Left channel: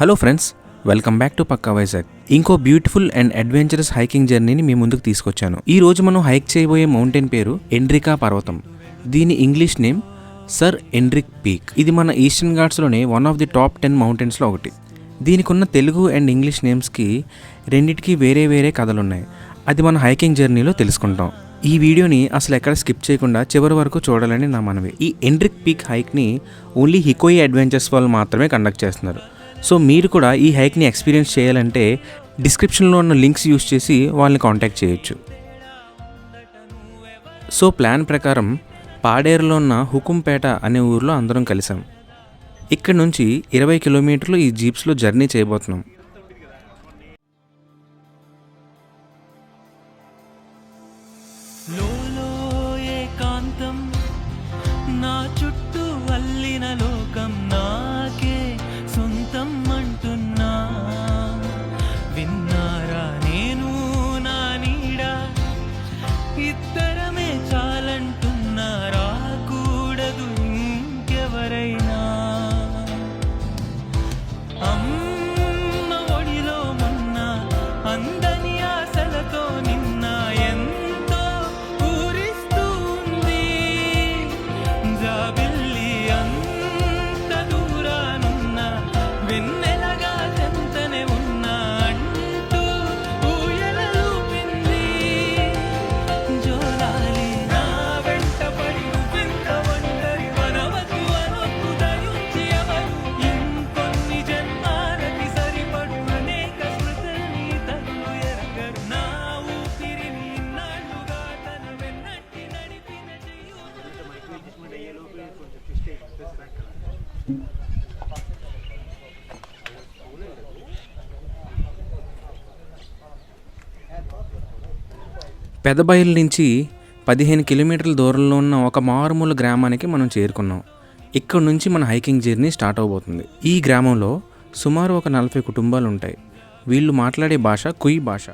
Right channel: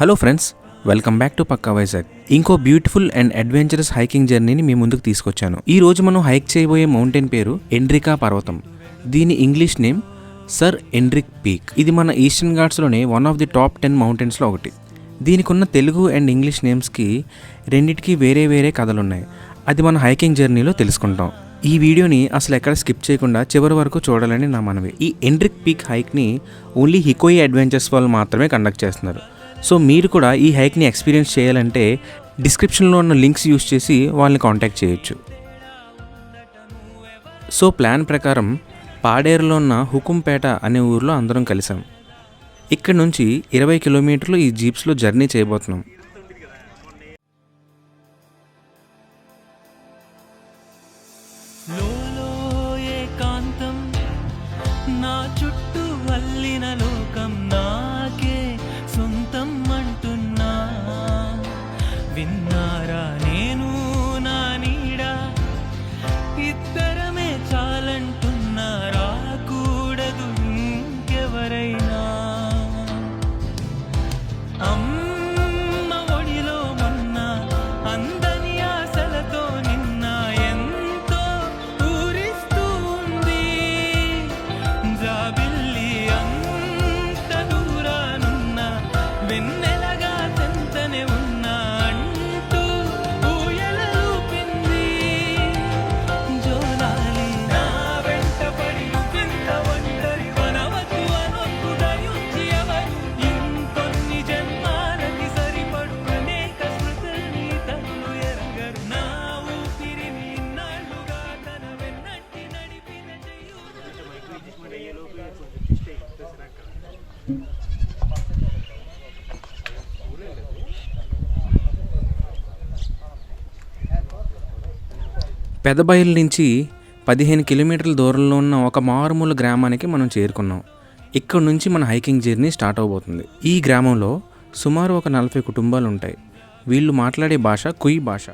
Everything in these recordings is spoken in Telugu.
Hello friends, welcome back to పక్కా వైజాగ్. ఇంకో బ్యూటిఫుల్ అండ్ అడ్వెంచరస్ హైకింగ్ జర్నీని మీ ముందుకు తీసుకొచ్చాను. ఈ రోజు మనం హైక్ చేయబోయే మౌంటైన్ పేరు ఎండ్రికా పర్వతం. దీని English name sir Endrick peak. ఇది మన ఈస్టర్న్ ఘాట్స్లోనే వన్ ఆఫ్ ది టాప్ 10 మౌంటైన్స్లో ఒకటి. దీనికి ఉన్న తెలుగు అండ్ ఇంగ్లీష్ నేమ్స్కి రెండిటికి వేరే వేరే కథలున్నాయి. అది మన హైకింగ్ జర్నీలో తెలుసుకుంటాం. ఈ వీడియోని అసలు ఎక్కడ స్కిప్ చేయకుండా చివరి వరకు చూడాలని నా మనవి. ఈ ఎండ్రిక్ పీక్ హైక్ని ఓన్లీ హికోయి అడ్వెంచర్స్ వాళ్ళు మాత్రమే కండక్ట్ చేస్తున్నారు. సో మీరు కూడా ఈ హైక్ని ఎక్స్పీరియన్స్ చేయాలంటే డిస్క్రిప్షన్లో ఉన్న లింక్స్ యూస్ చేసి వాళ్ళని కాంటాక్ట్ చేయొచ్చు. సో ప్లాన్ ప్రకారం పాడేరులో ఉన్న హుకుంపేట అనే ఊరిలో అందరం కలిసాం. ఇక్కడ నుంచి 20 కిలోమీటర్లు ఈ జీప్స్లో జర్నీ చేయబోతున్నాం. నా చుట్టూ అల్లిన లోకం నాకే సొంతం అంటున్నా, విన్నారా నేను నా నీడ, ఇద్దరమే చాలంటున్నా, రాకూడదు ఇంకెవరైనా. అమ్మ ఒడిలో మొన్న అందని ఆశలతో నిన్న ఎంతో ఊరిస్తూ ఉంది, జాబిల్లి అంత దూరానున్న వెన్నెలగా చెంతనే ఉన్నా అంటూ ఊయలూపింది. జోలాలి నా వెంట పడి నువ్వింత ఒంటరి వనవద్దు అనొద్దు దయించి ఎవరు, ఇంకొన్ని జన్మాలకి సరిపడు అనేక స్మృతుల్ని తల్లు ఎరగరు. నా ఊపిరిని ఇన్నాళ్ళుగా తన వెన్నట్టి నడిపిన చెయ్యు. పెదబయలు నుంచి 15 కిలోమీటర్ల దూరంలో ఉన్న ఒక మారుమూల గ్రామానికి మనం చేరుకున్నాం. ఇక్కడ నుంచి మన హైకింగ్ జర్నీ స్టార్ట్ అవబోతుంది. ఈ గ్రామంలో సుమారు ఒక 40 కుటుంబాలు ఉంటాయి. వీళ్ళు మాట్లాడే భాష కుయ్ భాష.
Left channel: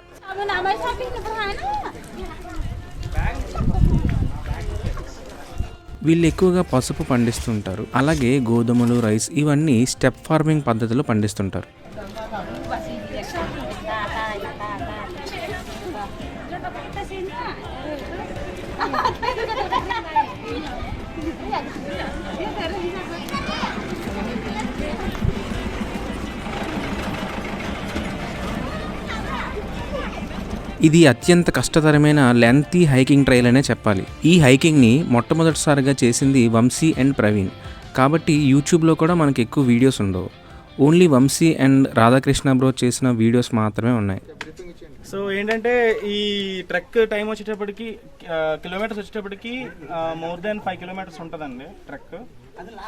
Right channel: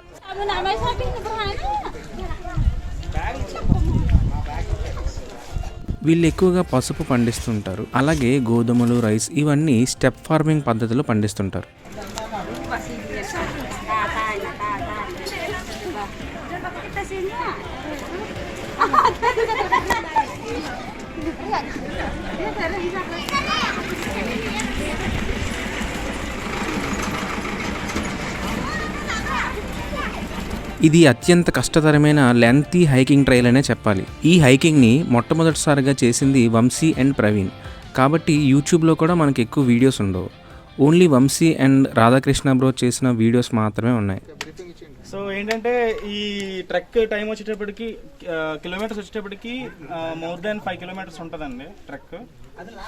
వీళ్ళు ఎక్కువగా పసుపు పండిస్తుంటారు. అలాగే గోధుమలు, రైస్ ఇవన్నీ స్టెప్ ఫార్మింగ్ పద్ధతిలో పండిస్తుంటారు. ఇది అత్యంత కష్టతరమైన లెంతీ హైకింగ్ ట్రైల్ అనే చెప్పాలి. ఈ హైకింగ్ని మొట్టమొదటిసారిగా చేసింది వంశీ అండ్ ప్రవీణ్. కాబట్టి యూట్యూబ్లో కూడా మనకి ఎక్కువ వీడియోస్ ఉండవు. Only Vamshi and Radhakrishna bro చేసిన వీడియోస్ మాత్రమే ఉన్నాయి. సో ఏంటంటే ఈ ట్రెక్ టైం వచ్చేటప్పటికి కిలోమీటర్స్ వచ్చేటప్పటికి మోర్ దాన్ 5 కిలోమీటర్స్ ఉంటుందండి ట్రెక్.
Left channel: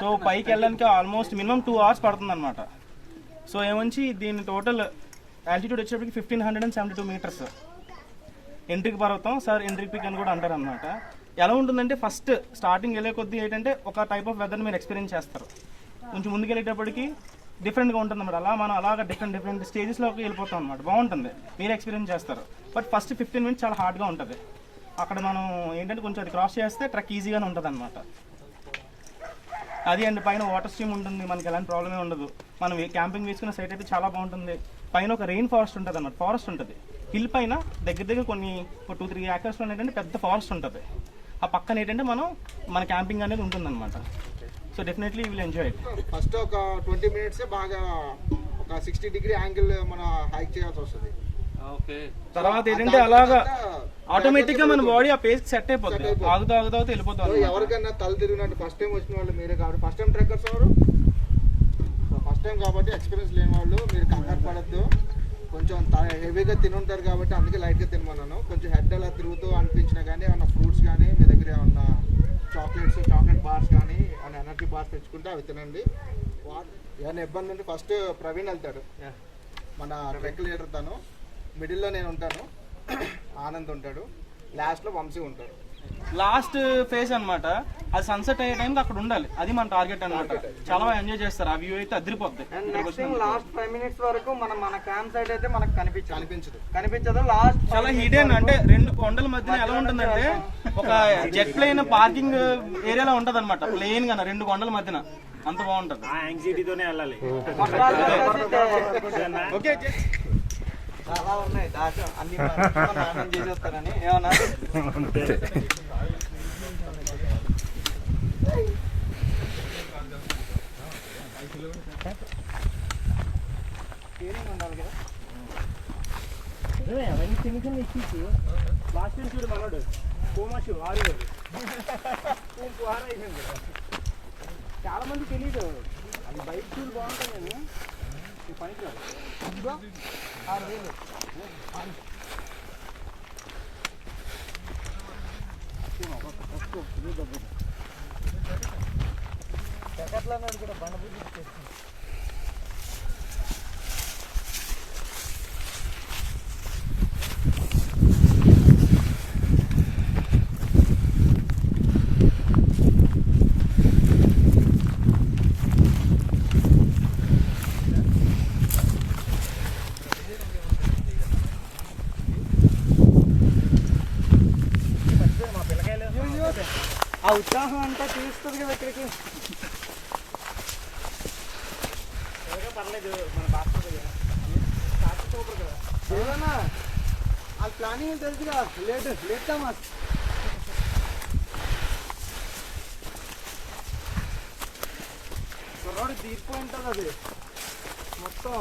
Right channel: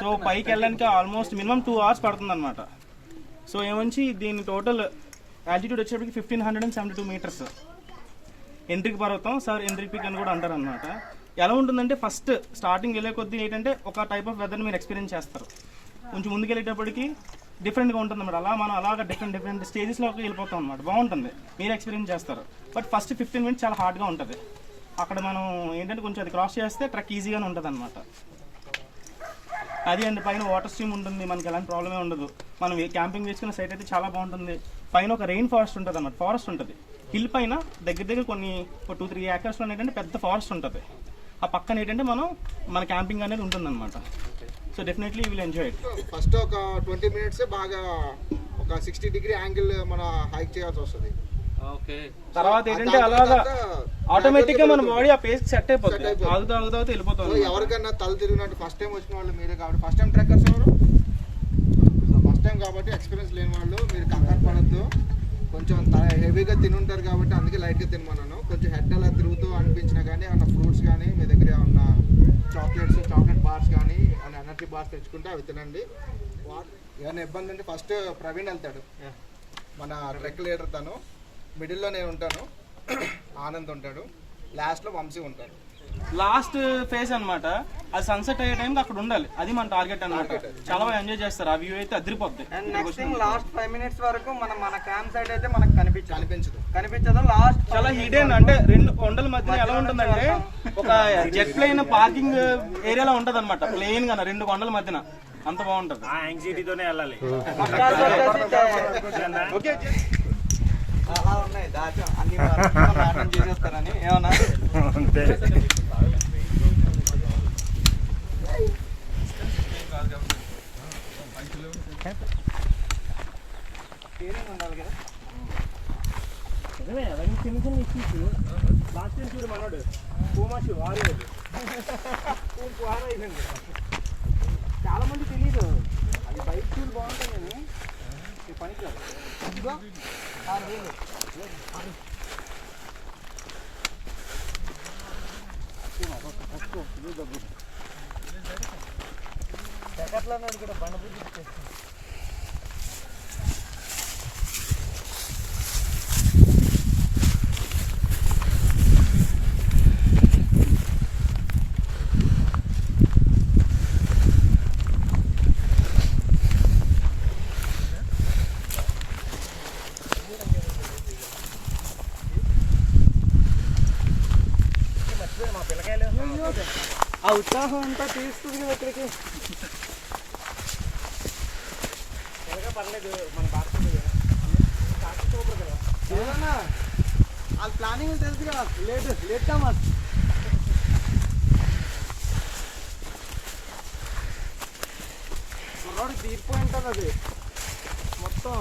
సో పైకి వెళ్ళడానికి ఆల్మోస్ట్ మినిమం 2 hours పడుతుంది అనమాట. సో ఏమంచి దీని టోటల్ ఆల్టిట్యూడ్ వచ్చేటప్పటికి 1572 మీటర్స్. ఎండ్రిక్ పర్వతం సార్ ఎండ్రిక్ పీక్ అని కూడా అంటారు అనమాట. ఎలా ఉంటుందంటే ఫస్ట్ స్టార్టింగ్ వెళ్ళే కొద్దీ ఏంటంటే ఒక టైప్ ఆఫ్ వెదర్ని మీరు ఎక్స్పీరియన్స్ చేస్తారు. కొంచెం ముందుకు వెళ్ళేటప్పటికి డిఫరెంట్గా ఉంటుంది అనమాట. మనం అలాగా డిఫరెంట్ స్టేజెస్లోకి వెళ్ళిపోతాం అనమాట. బాగుంటుంది, మీరు ఎక్స్పీరియన్స్ చేస్తారు. బట్ ఫస్ట్ 15 minutes చాలా హార్డ్గా ఉంటుంది. అక్కడ మనం ఏంటంటే కొంచెం అది క్రాస్ చేస్తే ట్రెక్ ఈజీగానే ఉంటుంది అనమాట. అది అండ్ పైన వాటర్ స్ట్రీమ్ ఉంటుంది, మనకి ఎలాంటి ప్రాబ్లమే ఉండదు. మనం క్యాంపింగ్ వేసుకున్న సైట్ అయితే చాలా బాగుంటుంది. పైన ఒక రెయిన్ ఫారెస్ట్ ఉంటుంది అన్నమాట. ఫారెస్ట్ ఉంటుంది హిల్ పైన దగ్గర కొన్ని 2-3 acres ఏంటంటే పెద్ద ఫారెస్ట్ ఉంటుంది. ఆ పక్కన ఏంటంటే మన క్యాంపింగ్ అనేది ఉంటుంది అనమాట. So definitely you will enjoy it. First ఒక 20 minutes బాగా ఒక 60 degree యాంగిల్ మన హైక్ చేయాల్సి వస్తుంది. తర్వాత ఏంటంటే అలాగా ఆటోమేటిక్ గా మన బాడీ ఆ పేస్ సెట్ అయిపోతుంది. ఆగుతూ వెళ్ళిపోతాం. ఎవరికైనా తల తిరిగినట్టు ఫస్ట్ టైం వచ్చిన వాళ్ళు మీరే కాబట్టి, ఫస్ట్ టైం ట్రెక్కర్స్ ఎవరు ఫస్ట్ టైం కాబట్టి ఎక్స్పీరియన్స్ లేని వాళ్ళు మీరు కంగారు పడద్దు. కొంచెం హెవీగా తినుంటారు కాబట్టి అందుకే లైట్గా తినమన్నాను. కొంచెం హెడ్ అలా తిరుగుతూ అనిపించినా కానీ ఏమన్నా ఫ్రూట్స్ కానీ మీ దగ్గర ఏమన్నా చాక్లెట్ బార్స్ కానీ ఏమన్నా ఎనర్జీ బార్స్ తెచ్చుకుంటే అవి తినండి. ఏమైనా ఇబ్బంది అంటే ఫస్ట్ ప్రవీణ్ వెళ్తాడు, మన ట్రెక్ లీడర్. తను మిడిల్లో నేను ఉంటాను, ఆనంద్ ఉంటాడు, లాస్ట్లో వంశీ ఉంటాడు. లాస్ట్ ఫేజ్ అనమాట. అది సన్సెట్ అయ్యే టైంకి అక్కడ ఉండాలి. అది మన టార్గెట్ అనమాట. చాలా ఎంజాయ్ చేస్తారు. ఆ వ్యూ అయితే అదిరిపోద్ది. లాస్ట్ 5 minutes వరకు మన క్యాంప్ సైట్ అయితే మనకు కనిపించదు. లాస్ట్ చాలా హిడెన్ అంటే 2 కొండల మధ్య ఎలా ఉంటుందంటే ఒక జెట్ ప్లేన్ పార్కింగ్ ఏరియాలో ఉంటది అనమాట. ప్లేన్ గా 2 కొండల మధ్యన అంత బాగుంటది. ఓకే అలా ఉన్నాయి దాచ అన్ని నాశనం చేసేస్తానని ఏమన్నా స్టీరింగ్ ఉండాలి కదా. చాలా మంది తెలీదు అది బైక్ టూల్ బాగుంటాయి కానీ ఈ పనికి రాదు. 6,000 ఎక్కట్లా కూడా బండ బుద్ధి చేస్తుంది. ఆ ఉత్సాహం అంతా తీస్తుంది కదా ఇక్కడికి. పర్లేదు మన ఏదన్నా అది ప్లానింగ్ తెలుసురా. లేట్ కామా రోడ్డు తీరిపోయి ఉంటుంది అది మొత్తం.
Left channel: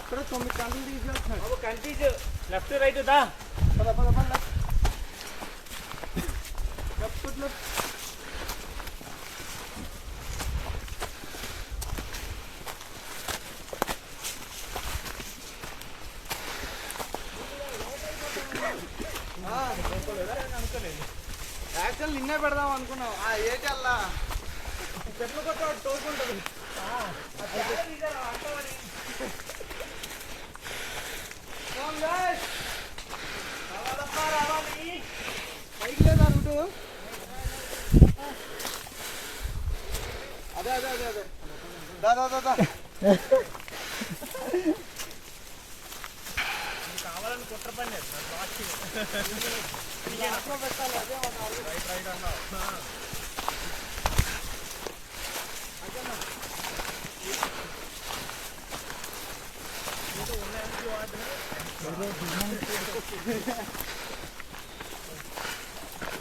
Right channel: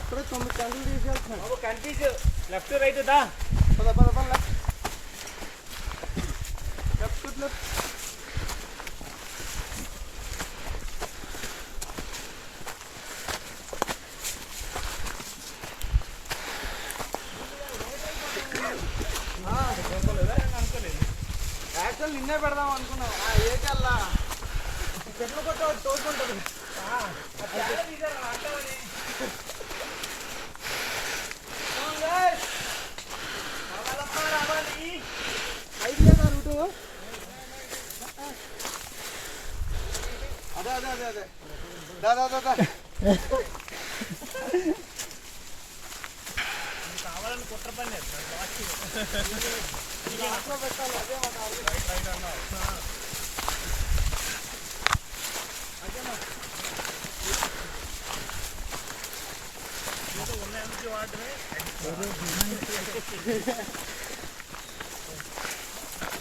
అప్పుడే 9 గంటలు తీసుకెళ్తున్నాడు. కన్ఫ్యూజ్ లెఫ్ట్ రైట్ దా పద పద పద లెఫ్ట్ లెఫ్ట్. యాక్చువల్ నిన్నే పెడదాం అనుకున్నాం. ఏకల్లా చెట్లు కొట్ట తోడుకుంటుంది. రావాలి ఐడియా అంటూ అదే అదే అదే అదే దాదా దాదా కావాలని కుట్ర పని పెట్టాలి. అదే రైట్ రైట్ అన్నా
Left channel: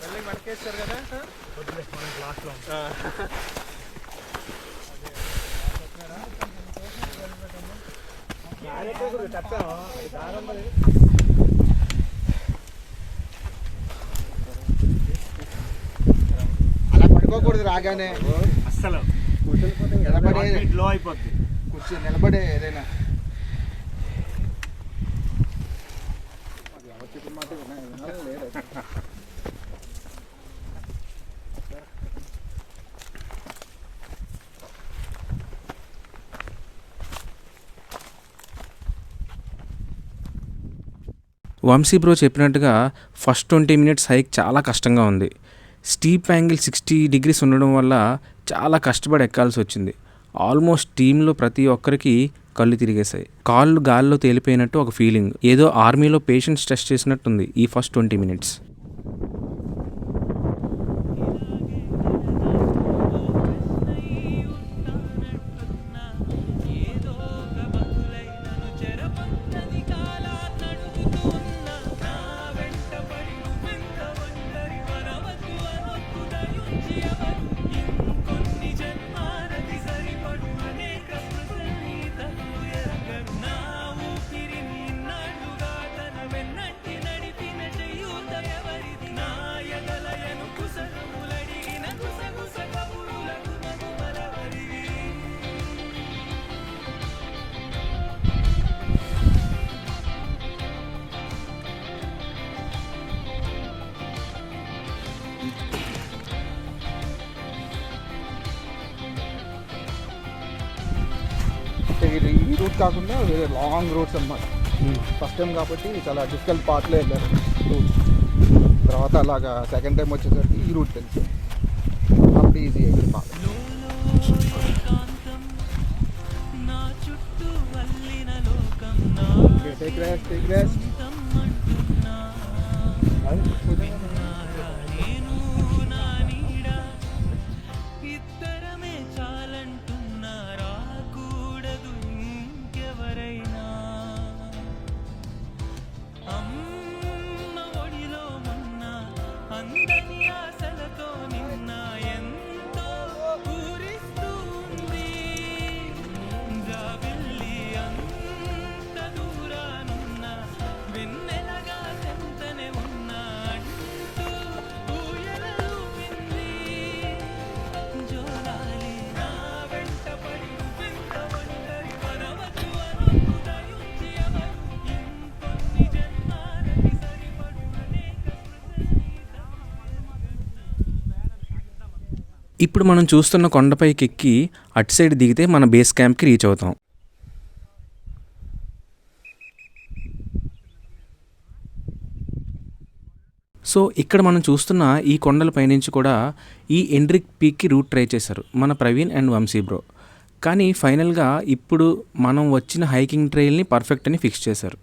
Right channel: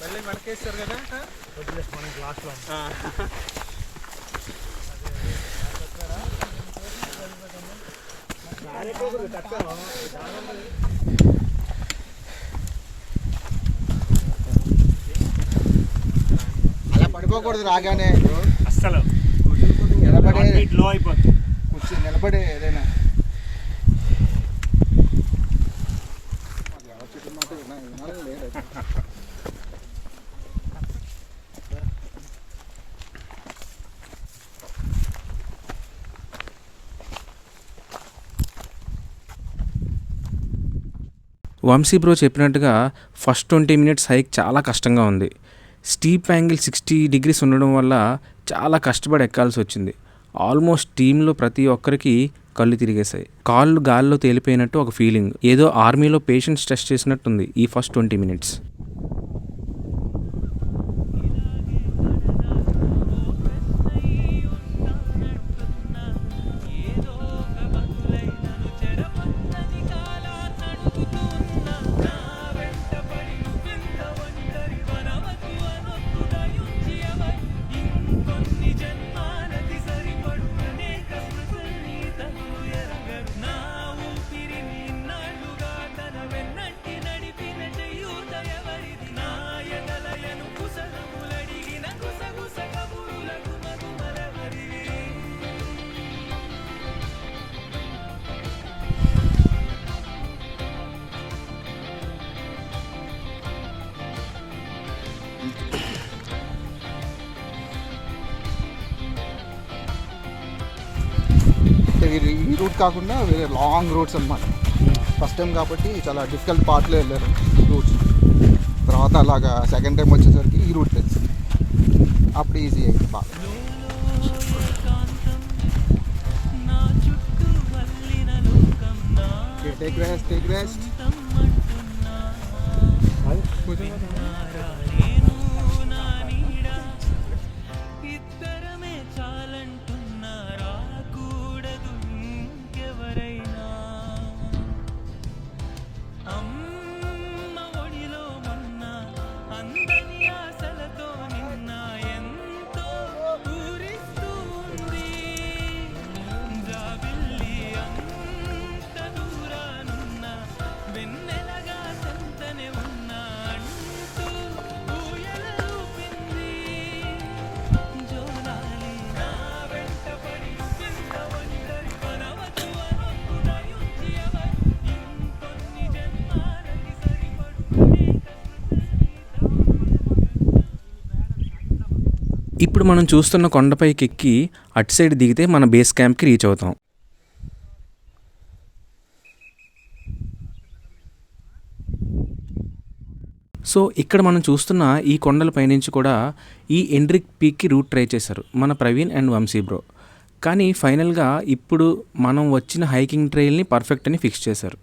మళ్ళీ మనకేస్తారు కదా అలా పడుకోకూడదు. రాగానే అస్సలు నిలబడే లో అయిపోతుంది. కూర్చొని నిలబడే ఏదైనా వంశీ బ్రో చెప్పినట్టుగా ఫస్ట్ 20 మినిట్స్ హైక్ చాలా కష్టంగా ఉంది. స్టీప్ యాంగిల్ 60 degrees ఉండడం వల్ల చాలా కష్టపడి ఎక్కాల్సి వచ్చింది. ఆల్మోస్ట్ టీంలో ప్రతి ఒక్కరికి కళ్ళు తిరిగేశాయి. కాళ్ళు గాల్లో తేలిపోయినట్టు ఒక ఫీలింగ్. ఏదో ఆర్మీలో పేషెన్స్ టెస్ట్ చేసినట్టుంది ఈ ఫస్ట్ 20 మినిట్స్. ఈ రూట్ కాకుండా వేరే లాంగ్ రూట్స్ అన్నమాట. ఫస్ట్ టైం కాబట్టి చాలా డిఫికల్ట్ పార్ట్లే వెళ్ళారు రూట్స్. తర్వాత అలాగా సెకండ్ టైం వచ్చేసరికి ఈ రూట్ తెలుసు అప్పుడు ఈజీ అయింది. Take rest. ఇద్దరు ఇప్పుడు మనం చూస్తున్న కొండపైకి ఎక్కి అటు సైడ్ దిగితే మన బేస్ క్యాంప్కి రీచ్ అవుతాం. సో ఇక్కడ మనం చూస్తున్న ఈ కొండల పైనుంచి కూడా ఈ ఎండ్రిక్ పీక్కి రూట్ ట్రై చేశారు మన ప్రవీణ్ అండ్ వంశీ బ్రో. కానీ ఫైనల్గా ఇప్పుడు మనం వచ్చిన హైకింగ్ ట్రైల్ని పర్ఫెక్ట్ అని ఫిక్స్ చేశారు.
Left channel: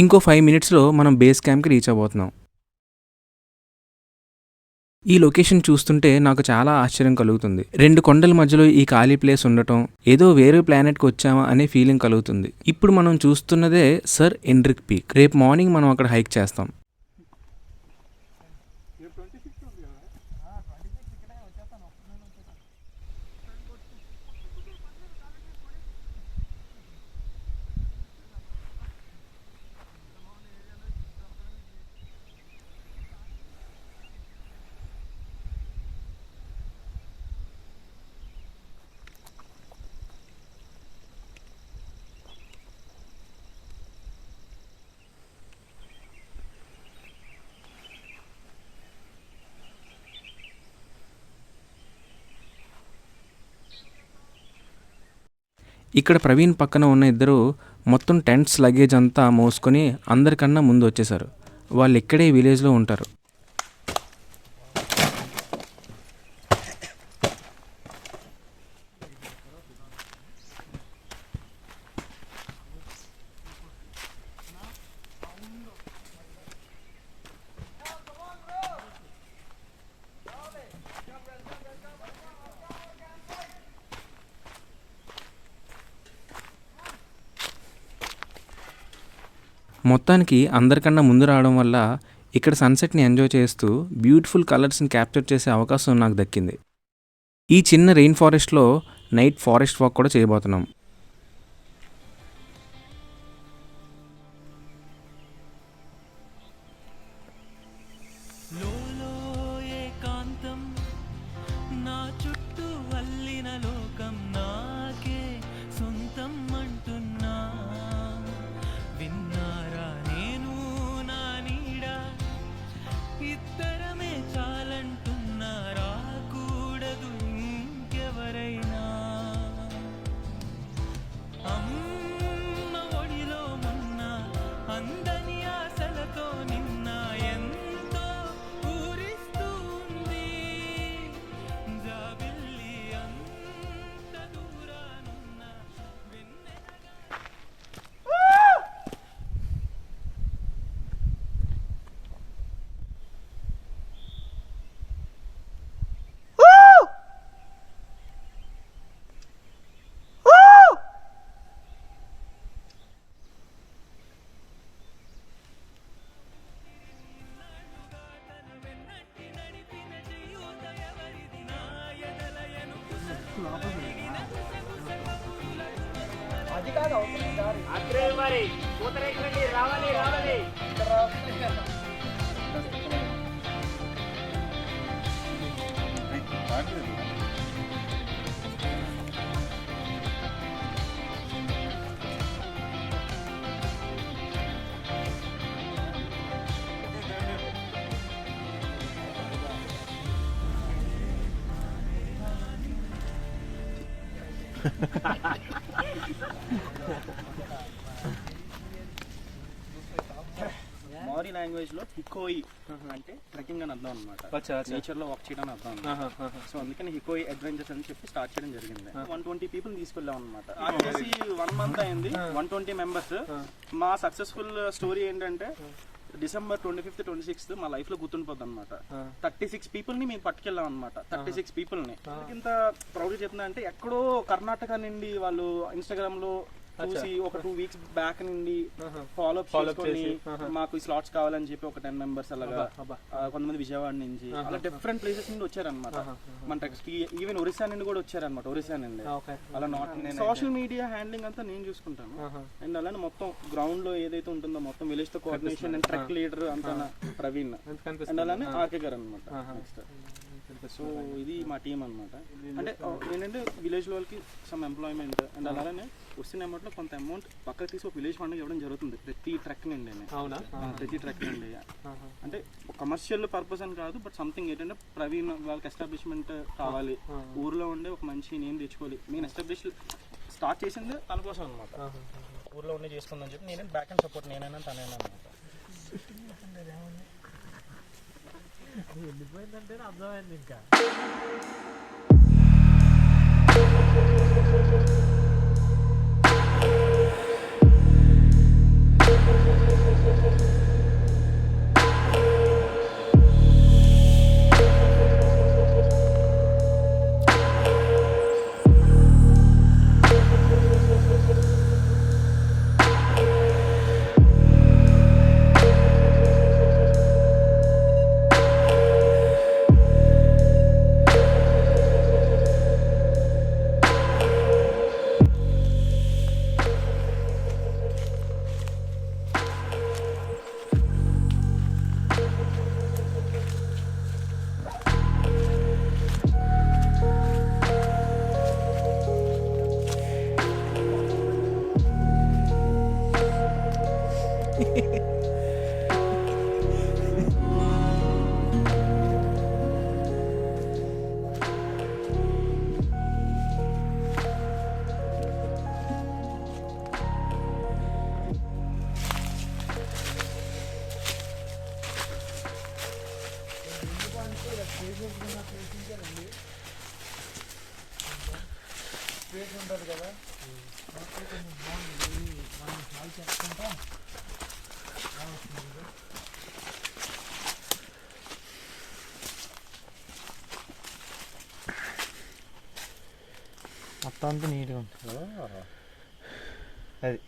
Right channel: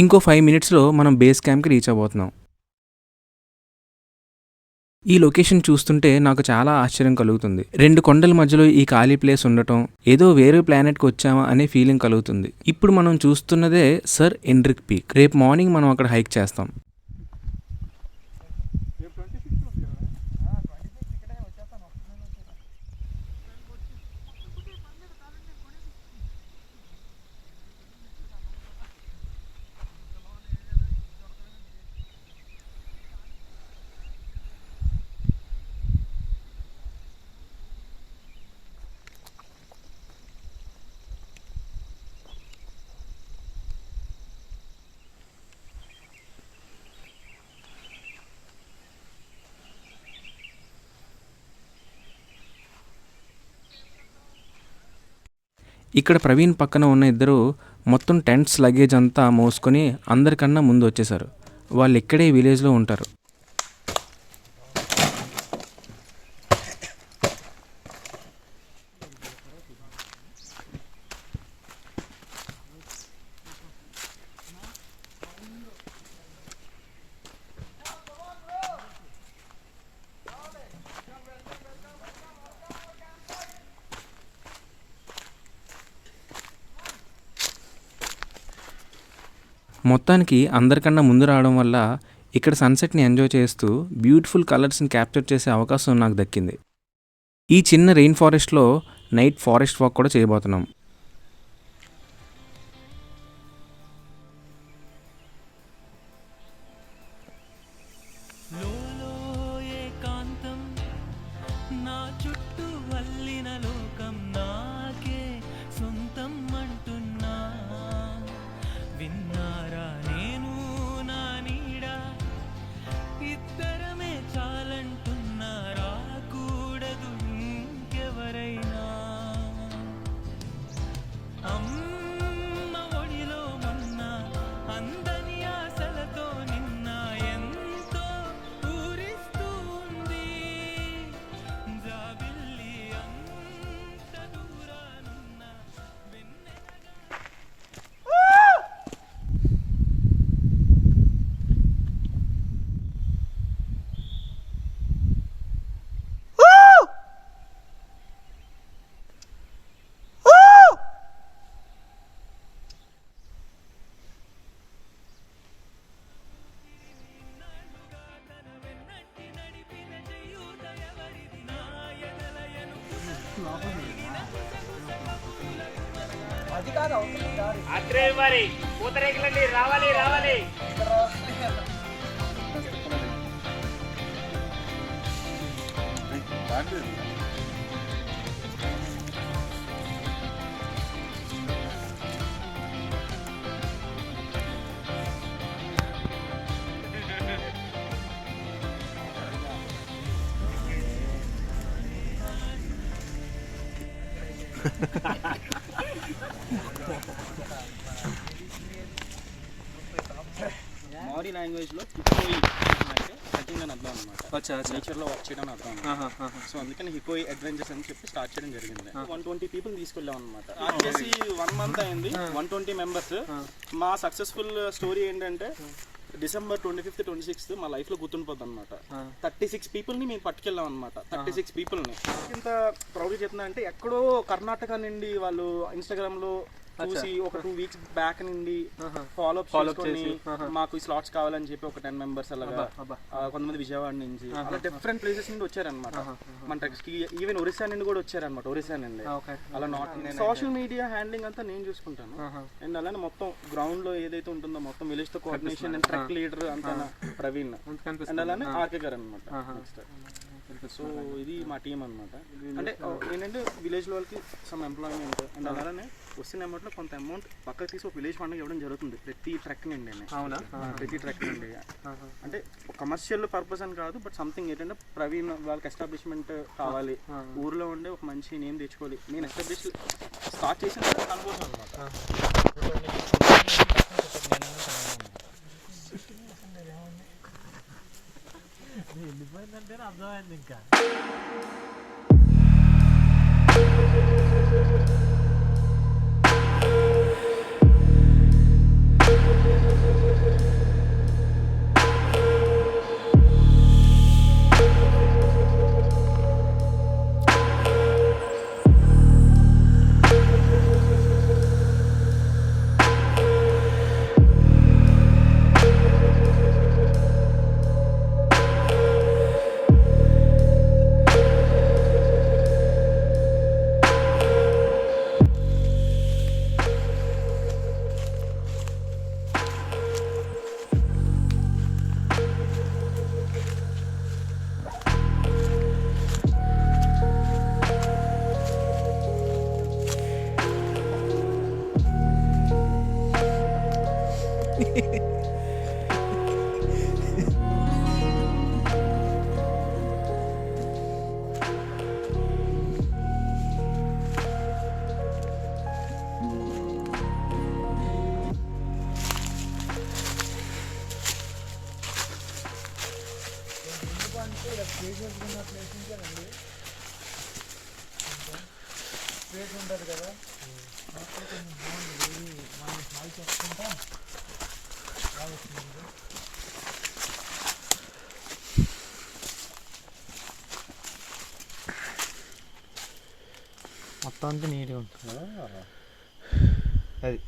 ఇంకో 5 మినిట్స్లో మనం బేస్ క్యాంప్కి రీచ్ అవ్వబోతున్నాం. ఈ లొకేషన్ చూస్తుంటే నాకు చాలా ఆశ్చర్యం కలుగుతుంది. 2 కొండల మధ్యలో ఈ ఖాళీ ప్లేస్ ఉండటం ఏదో వేరే ప్లానెట్కి వచ్చామా అనే ఫీలింగ్ కలుగుతుంది. ఇప్పుడు మనం చూస్తున్నదే సర్ ఎండ్రిక్ పీక్. రేపు మార్నింగ్ మనం అక్కడ హైక్ చేస్తాం. ఇక్కడ ప్రవీణ్ పక్కన ఉన్న ఇద్దరు మొత్తం టెంట్స్ లగేజ్ అంతా మోసుకొని అందరికన్నా ముందు వచ్చేసారు. వాళ్ళు ఇక్కడే విలేజ్లో ఉంటారు. మొత్తానికి అందరికన్నా ముందు రావడం వల్ల ఇక్కడ సన్సెట్ని ఎంజాయ్ చేస్తూ బ్యూటిఫుల్ కలర్స్ని క్యాప్చర్ చేసే అవకాశం నాకు దక్కింది. ఈ చిన్న రెయిన్ ఫారెస్ట్లో నైట్ ఫారెస్ట్ వాక్ కూడా చేయబోతున్నాం. లోలో ఏకాంతం నా చుట్టూ అల్లిన లోకం నాకే సొంతం అంటున్నా. విన్నారా నేను నా నీడ ఇద్దరమే చాలంటున్నా. రాకూడదు ఇంకెవరైనా. అమ్మ ఒడిలో మొన్న అందని ఆశలతో నిన్న ఎంతో ఊరిస్తూ ఉంది. జాబిల్లి అంత దూరానున్న వెన్నెలగా అది కాదు అవుతుంది దారి. మౌరీ లాంగ్వేజ్లో హికోయి అంటే ట్రెక్కింగ్ అని అర్థం అనమాట. నేచర్లో వాక్ చేయడం అని అర్థం అనమాట. సో అందుకని హికోయి అడ్వెంచర్స్ అని చెప్పి స్టార్ట్ చేయడం జరిగింది. 120 పీపుల్ తీసుకెళ్ళాం అనమాట. స్టార్ట్ చేసి 1 మంత్ అయింది. 120 మెంబర్స్. మా సక్సెస్ఫుల్ స్టోరీ ఏంటంటే December 25th 26th మా లైఫ్ లో గుర్తుండిపోద్ది అనమాట. 36 people ని మేము పట్టుకెళ్ళాం అనమాట. 36 people ని ఇంత ప్రౌడ్ చెప్తున్నా అంటే ఎక్కడో కర్ణాటక నుండి వాళ్ళు ఇన్స్టాగ్రామ్ లో చూసి ఒక 2 weeks బ్యాక్ నుండి ఫాలో అప్ చేసుకొని మాకు ఈ స్లాట్స్ కావాలని చెప్పి ఒక 10 members అలాగా కొంతమంది విజయవాడ నుంచి అలా డిఫరెంట్ ప్లేసెస్ నుండి వచ్చారనమాట. మన ట్రెక్స్ కి ఈవెన్ ఒరిస్సా నుండి కూడా వచ్చారనమాట. ఒరిస్సా నుండి అలా సోషల్ మీడియా హ్యాండ్లింగ్ అంతా నేను చూసుకుంటాను. అండ్ అలానే మొత్తం గ్రౌండ్ లో ఏదైతే ఉంటుందో మొత్తం విలేజ్ తో కోఆర్డినేషన్ అండ్ ట్రెక్ లీడర్ అంతా ప్రవీణ్ అండ్ అలానే ఆర్కే గారు అనమాట. సో ఇది మా టీం అనమాట. అంటే ఏంటంటే విలేజ్ వాళ్ళకి సమ్ ఎంప్లాయ్మెంట్ అండ్ అలానే వచ్చిన అమౌంట్ లో కొంత అమౌంట్ పక్కకు తీసి ఒక విలేజ్ ఫండ్ ఇవ్వడం జరుగుతుంది ప్రతి ట్రెక్ నుండి. ప్రతి ట్రెక్ నుండి అంటే కమర్షియల్ పర్పస్ అని కాదు, బట్ సంథింగ్ ఏంటంటే ప్రవీణ్ వాళ్ళకి ఎస్టాబ్లిష్మెంట్ కావాలి, ఊర్లో ఉండే ఒక మంచి నేమ్ తెచ్చుకోవాలి. నేను ఎస్టాబ్లిష్ స్టార్ట్ చేసింది అనుకోసం అనమాట. ఊర్లో ఉండే చేసుకుంటాను నేనైనా తనైనా అనమాట. వెళ్ళిపోయిందంటే అర్థమైంది ఇంకా. స్పేస్ ఉంటుంది కదా, చెప్పుకుంటా మొత్తం అంతా నీట్గా ఉంటుంది. అది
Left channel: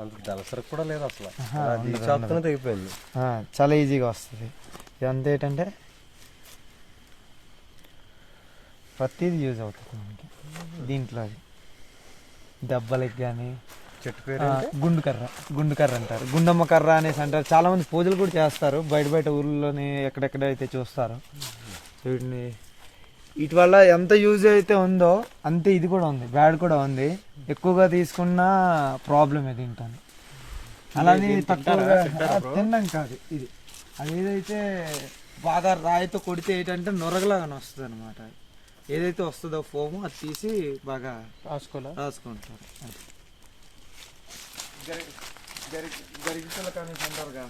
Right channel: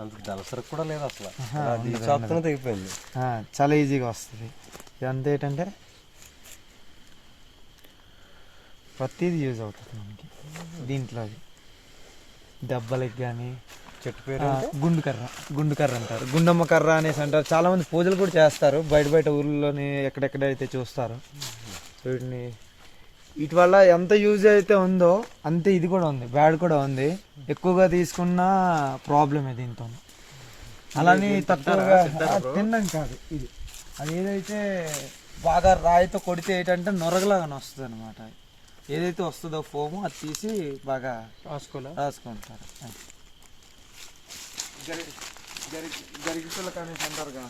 అంత దళసరకు కూడా లేదు అసలు, అయిపోయింది. చాలా ఈజీగా వస్తుంది. ఇదంతా ఏంటంటే ప్రతిదీ యూజ్ అవుతుంది మనకి దీంట్లో. అది దెబ్బలకి కానీ చెట్టు పేరు గుండు కర్ర అంటారు, గుండమ్మ కర్ర అనేసి అంటారు. చాలా మంది పూజలు కూడా చేస్తారు బయట ఊర్లోని ఎక్కడెక్కడైతే చూస్తారు వీటిని. వీటి వల్ల ఎంత యూజ్ అయితే ఉందో అంతే ఇది కూడా ఉంది, బ్యాడ్ కూడా ఉంది. ఎక్కువగా తీసుకున్న ప్రాబ్లమే దీంతో. అలానే తక్కువగా తిన్నాం కాదు ఇది. అది ఏదైతే బాగా రాయితో కొడితే ఏంటంటే నొరగలాగానే వస్తుంది అనమాట. ఏదైతే వస్తుందో ఫోము అది తీసి బాగా రాసుకుంటారు. గరికి పిల్లక అనేసి అంటారుగా,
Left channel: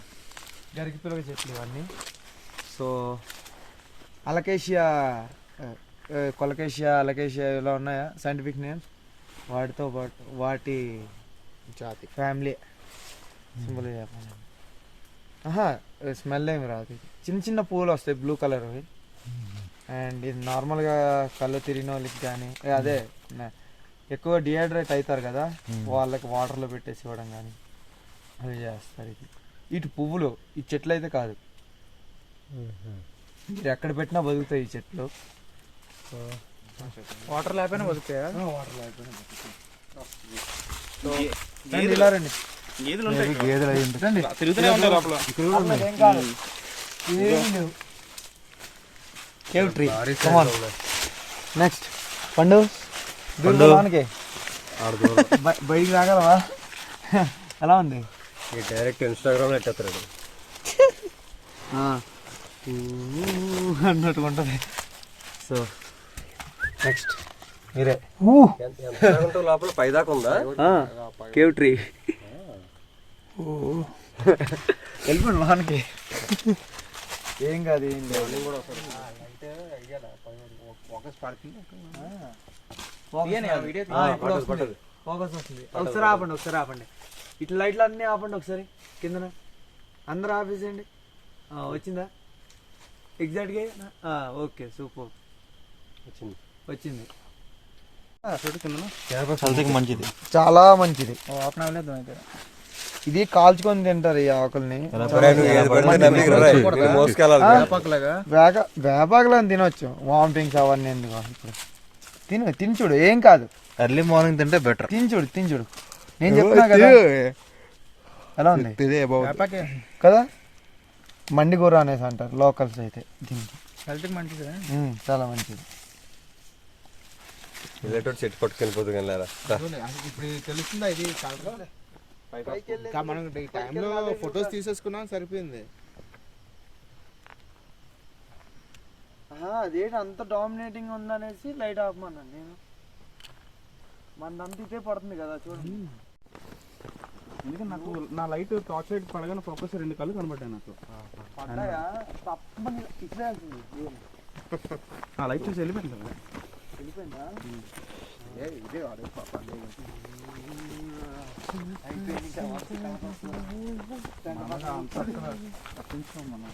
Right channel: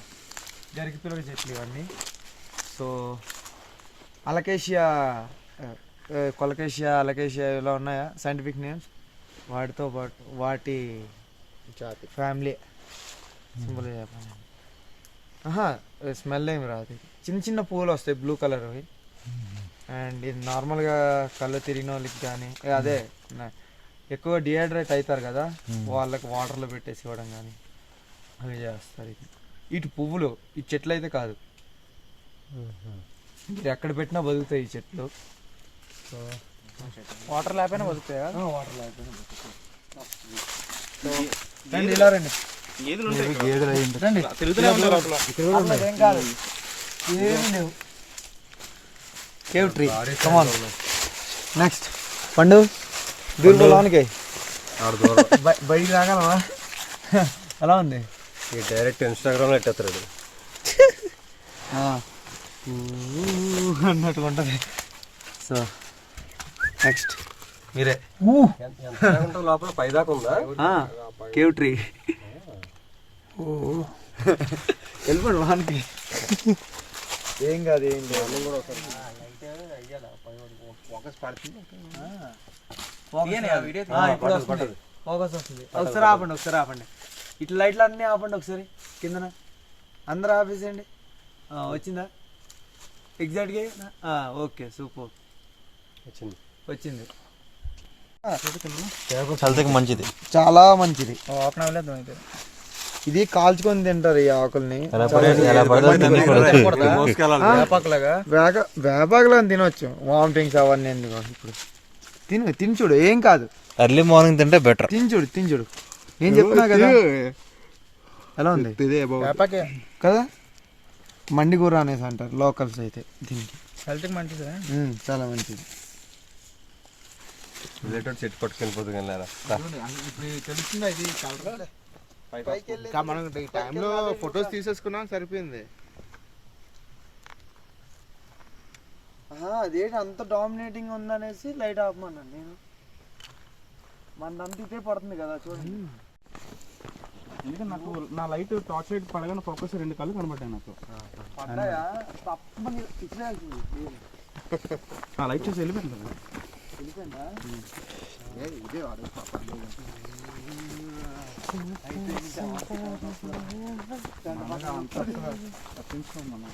గరికి పిల్లక చెట్లు ఇవన్నీ. సో కొలకేషియా అలకేషియా ఇలా ఉన్నాయా సైంటిఫిక్ నేమ్స్. వాటితో పాటు వాటి జాతి ఫ్యామిలీ సింబల్ స్మెల్ ఏమి రాదు. చిన్న చిన్న పువ్వులు వస్తాయి బ్లూ కలర్. అండ్ ఇది నార్మల్గా కళ్ళు తిరిగిన వాళ్ళకి కానీ అదే ఎక్కువ డిహైడ్రేట్ అవుతారు కదా వాళ్ళకి వాటర్లో పెట్టేసి ఇవ్వడం కానీ అవి చేస్తారు. ఇది ఇటు పువ్వులు ఈ చెట్లు అయితే కాదు, మీరు ఎక్కడ పెట్టినా బతుకుతాయి ఈ చెట్లు. వాటర్ లేకపోయినా బతుకుతాయా? వాటర్ లేకపోయినా బతుకుతాయి. ఇలా రండి, ఏం కాదు, ఏమి లేవు. Cave tree. నెక్స్ట్ పండు దూరానికి బయట రాగలవా? ఎలా ఉంది? డైరెక్ట్ ఇన్స్టాగ్రామ్ ఎట్టేస్తాడు అన్నట్టుగా ఉంటుంది. సో నెక్స్ట్ మీరే లోపల పైదాకా ఉందా కేవ్ ట్రీ. వెళ్ళిపోండి వానికి, ఏం కాదు ఏం లేదు. ఫోకస్ వస్తుంది. ఒకసారి ఆపండి. ఇట్లా లైట్లు అన్నీ ఆపండి ఒకసారి కిందన అందరూ ఆపేసేయండి. వచ్చిందా ఎగ్జాక్ట్గా? ఓకే సూపర్ వచ్చింది. మంచిది. చాలా మంచిది. ఇది కాల్చుకొని తింటారు ఈ ఆకుల్ని. వేపాకులో తినొచ్చు. వామిటింగ్స్ అవన్నీ ఎందుకు ఇప్పుడు తిని చూడు, ఏం కాదు. ఎర్లీ మార్నింగ్ తింటే బెటర్. తిని చూడు నేను చెప్తున్నా కదా. ఎలా ఉంది కదా? మండి కూర అనేసి అంటారు లోకల్స్ అయితే దీనికి. చాలా మంచిది. చెట్టు పట్టుకెళ్ళిపోతుంది మనం ఈ టైంలో ఫొటోస్ తీసేసుకున్నాం సరిపోయింది. అదేంటి అంత డామినేటింగ్ ఉందనేసి లైట్ ఆపమన్నాను నేను. మనదంతా ఇదే పడుతుంది కదా చూడండి. ఎందుకంటే నాకు నా లైట్ టార్చ్ లైట్ పడగానే ఫోకస్ 2 కళ్ళు కనబడ్డాయి నాకు. పడ్డాయా? ఇట్లా ఆ లైట్ చూసి వెళ్ళిపోయింది కదా. వెళ్ళిపోయిందా? తప్పించుకోం మనం.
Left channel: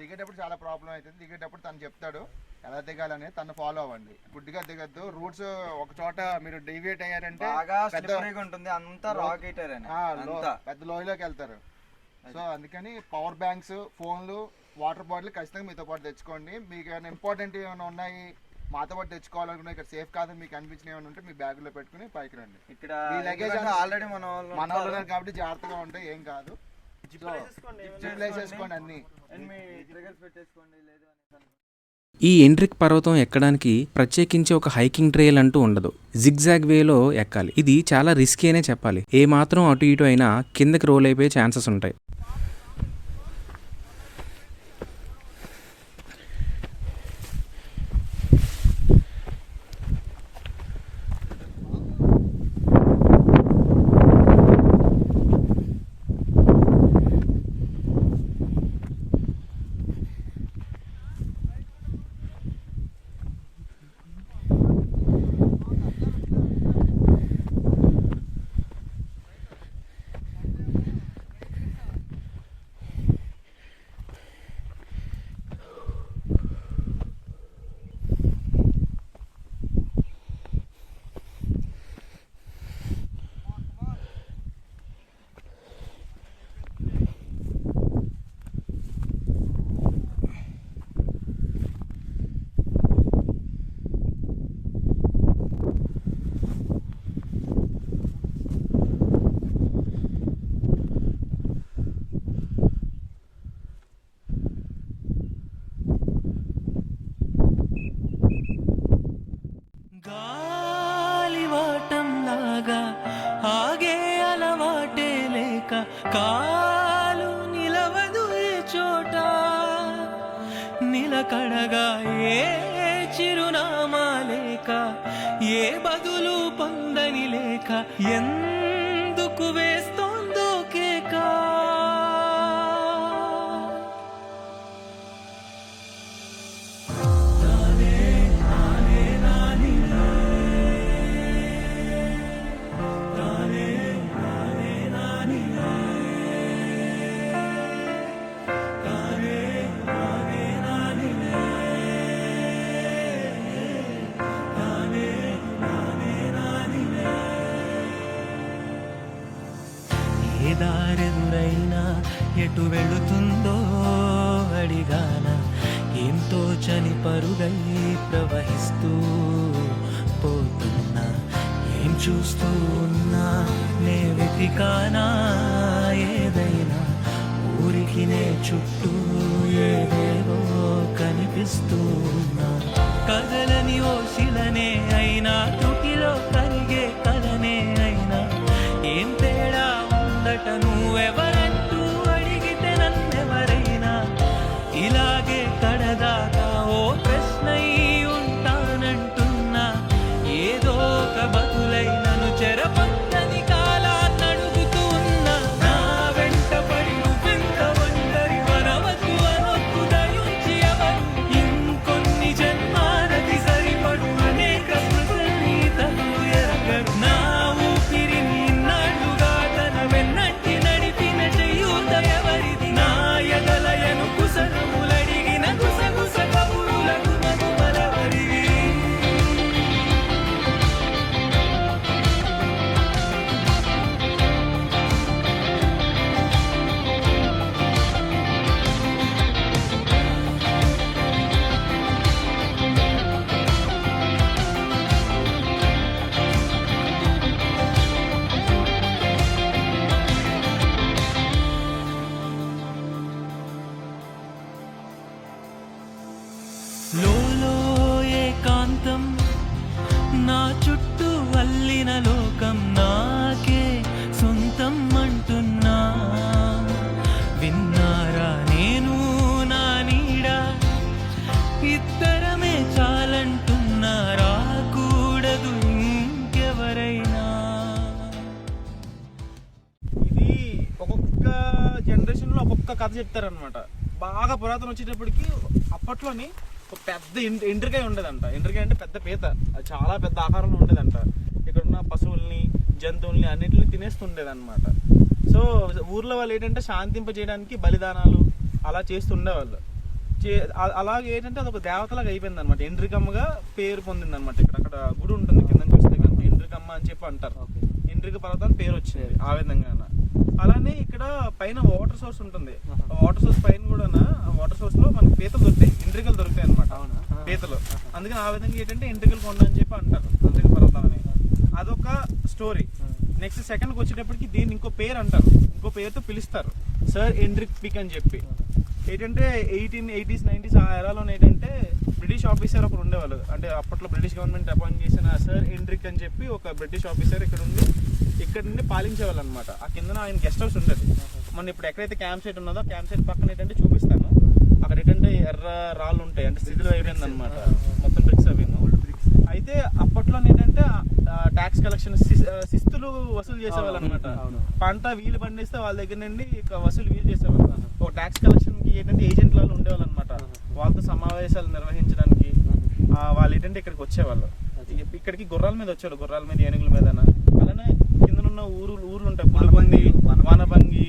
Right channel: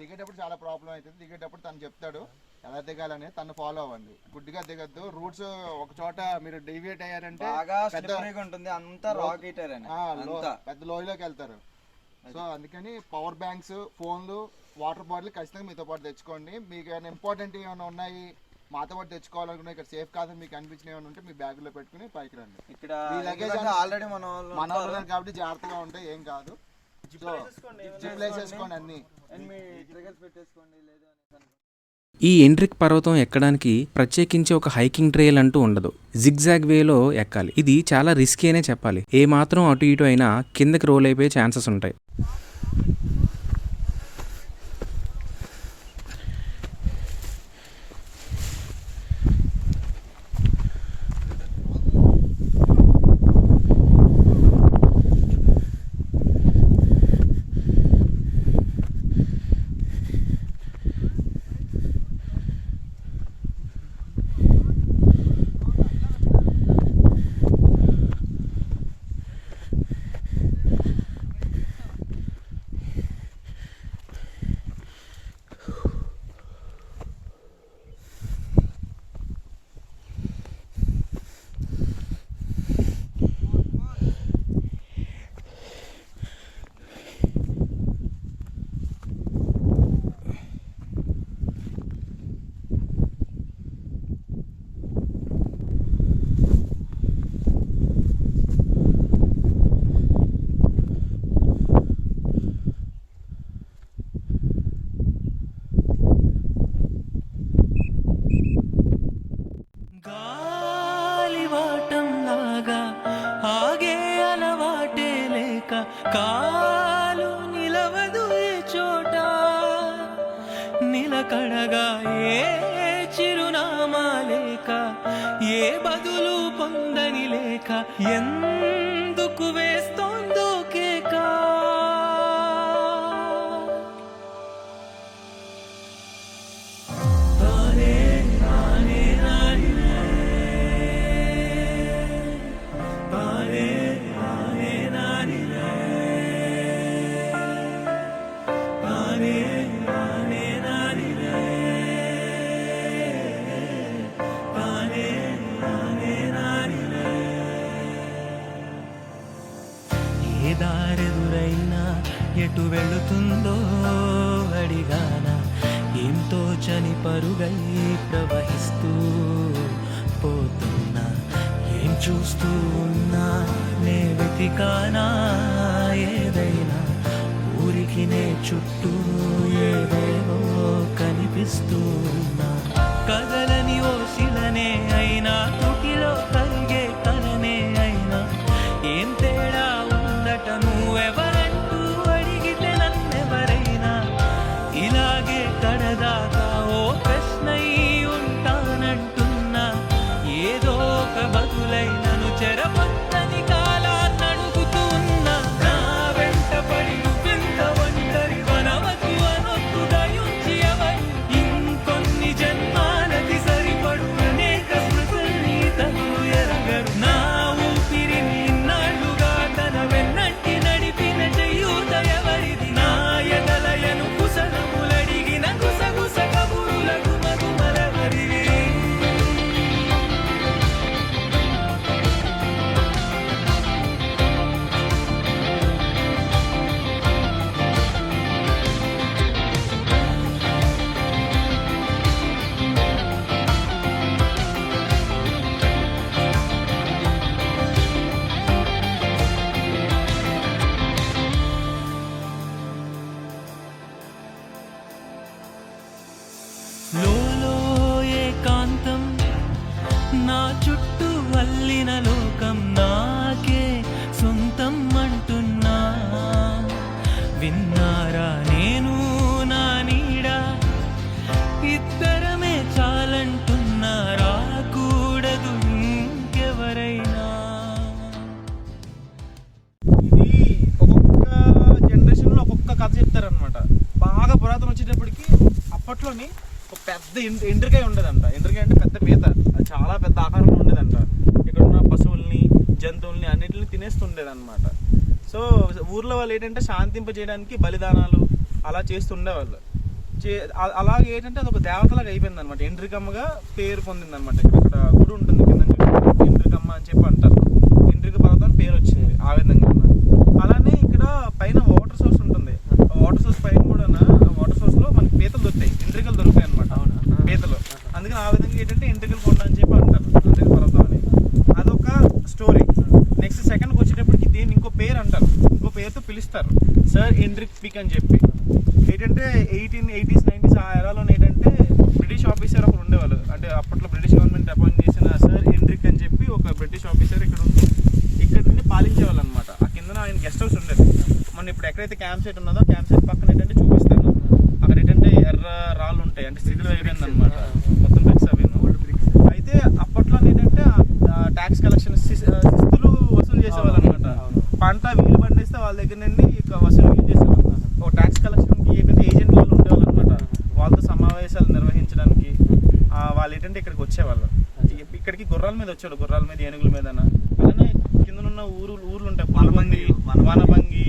దిగేటప్పుడు చాలా ప్రాబ్లం అవుతుంది. దిగేటప్పుడు తను చెప్తాడు ఎలా దిగాలని, తను ఫాలో అవ్వండి. గుడ్డిగా దిగద్దు. రూట్స్ ఒక చోట మీరు డీవియేట్ అయ్యారంటే పెద్ద లోయలోకి వెళ్తారు. సో అందుకని పవర్ బ్యాంక్స్, ఫోన్లు, వాటర్ బాటిల్ ఖచ్చితంగా మీతో పాటు తెచ్చుకోండి. మీకు ఏమైనా ఇంపార్టెంట్ ఏమైనా ఉన్నాయి మాతో పాటు తెచ్చుకోవాలనుకున్నా, ఇక్కడ సేఫ్ కాదు మీకు అనిపించిన ఏమైనా ఉంటే మీ బ్యాగ్ లో పెట్టుకుని పైకి రండి. ఇక్కడ లగేజ్ ఆల్రెడీ మన కాబట్టి జాగ్రత్తగా ఉంటాయి, ఏం కాదు. వేసేసుకోండి అన్ని. ఈ ఎండ్రిక్ పర్వతం ఎక్కడానికి ప్రత్యేకించి ఒక హైకింగ్ ట్రైల్ అంటూ ఉండదు. జిగ్జాగ్ వేలో ఎక్కాలి. ఇది చాలా రిస్కీ అనే చెప్పాలి. ఏ మాత్రం అటు ఇటు అయినా కిందకి రోల్ అయిపోయే ఛాన్సెస్ ఉంటాయి. గాలివాటంలాగా ఆగే అలవాటే లేక కాలు నిలవదు ఏ చోట, నిలకడగా ఏ చిరునామా లేక ఏ బదులు పొందని లేక ఎందుకు వేస్తోందో కేక. ఏ దారెదురైనా ఎటు వెళుతుందో అడిగాన, ఏం తోచని పరుగై ప్రవహిస్తూ పోతున్నా, ఏం చూస్తూ ఉన్నా నే వెతికానా ఏదైనా, ఊరికి నే చుట్టూ ఏవేవో కనిపిస్తూ ఉన్నా, కదలని ఓ శిలనే అయినా త్రుటిలో కరిగే కలనే అయినా, ఏం తేడా ఉందట నువ్వెవరంటూ అడిగితే నన్నెవరైనా, ఇలాగే కడదాకా ఓ ప్రశ్నై ఉంటానంటున్నా, ఏ లోలో ఏకాంతం నా చుట్టూ అల్లిన లోకం నాకే సొంతం అంటున్నా. విన్నారా నేను నా నీడ ఇద్దరమే చాలంటున్నా, రాకూడదు ఇంకెవరైనా. ఇది ఒక్కొక్క జనరేషన్లో ఒక్కొక్క కథ చెప్తారనమాట. బాగా పురాతన వచ్చేటప్పటికి అప్పట్లోని ఒక పెద్ద ఎండ్రికాయ ఉండేదంట. ఎండ్రికాయ అంటే పెద్ద పీత, అది చాలా పెద్ద ఆకారంలో ఉండేదంట. ఇక్కడ ఉన్న పశువుల్ని జంతువుల్ని అన్నిటిని తినేస్తుండేదన్నమాట. సో ఊర్లో వాళ్ళు ఏంటంటే శాంతింప చేయడానికి బలిదానాలు అలా చేస్తుండేవాళ్ళు. అలాగే ఏంటంటే అది ఒక దేవతలాగా అయిపోయింది అనమాట. ఎండ్రికమ్మగా పేరు పొందింది అనమాట. ఇక్కడ గుడి ఉంటుంది కింద చూసుకుంటే ఎండ్రికమ్మ అని చెప్పి అంటారు. ఎండ్రిక పర్వతం అని పేరు వచ్చింది ఆ విధంగా. అలానే ఇక్కడ పైన వాటర్ సోర్స్ ఉంటుంది. వాటర్ సోర్స్ పైన కూడా వాటర్ సోర్స్ లో మనకి పీతలు దొరుకుతాయి, ఎండ్రికలు దొరుకుతాయి అనమాట పీతలు. అందుకని ఆ విధంగా ఏంటంటే ఎండ్రికలు కొండ అని చెప్పి అంటారు, ఎండ్రిక పర్వతం అని. అదొక స్టోరీ. నెక్స్ట్ సెకండ్కి వచ్చేటప్పటికి దీన్ని ఇంకో పేరు అంటారు, ఇంకో పేరుతో పిలుస్తారు, సర్ ఎండ్రిక్ పిక్ అని చెప్పి. ఏంటంటే 1880s 90s ఆ ఎరాలో ఏంటంటే బ్రిటిష్ ఆఫీసర్ ఒకరు ఉండేవాళ్ళు. అంటే అప్పట్లో బ్రిటిష్ గవర్నమెంట్ అపాయింట్ చేసిన సర్ ఎండ్రిక్ అని చెప్పి ఒక బ్రిటిష్ ఆఫీసర్ ఇక్కడ ఉండి ఇక్కడ నుండి పాలించేవాళ్ళు అనమాట. ఆ కింద ఆయన గెస్ట్ హౌస్ ఉండేది. మన ఇప్పుడు ఎక్కడైతే క్యాంప్ సైట్ ఉన్నదో క్యాంప్ సైట్ పక్కన ఏంటంటే చూపిస్తాను, అక్కడ ఏంటంటే ఎర్ర రాళ్ళు ఉంటాయి, అంటే స్థితిలో అయిపోయింది అనమాట మొత్తం బ్రిక్స్ అవి. అయితే అప్పట్లో ఏంటంటే ట్యాక్స్ కలెక్షన్ శిస్తులు వసూలు చేసేవాళ్ళు అనమాట. పంట వీలు పండిస్తే వాళ్ళ దగ్గర నుండి వసూలు చేసేవాళ్ళు. ఒక ట్యాక్స్ కలెక్షన్కి ఏంటంటే ఏజెంట్ వాళ్ళు ఉండేవాళ్ళు అనమాట. వాళ్ళతో సమావేశాలు నిర్వహించడానికి వాళ్ళు ఏంటంటే ఇక్కడికి వచ్చేవాళ్ళు. ఇక్కడికి గుర్రాల మీద వచ్చాడు, గుర్రాల మీద, ఏనుగుల మీద. అలానే కిందనున్న ఊర్లు ఉంటాయి, పులబంది, వనభంగి,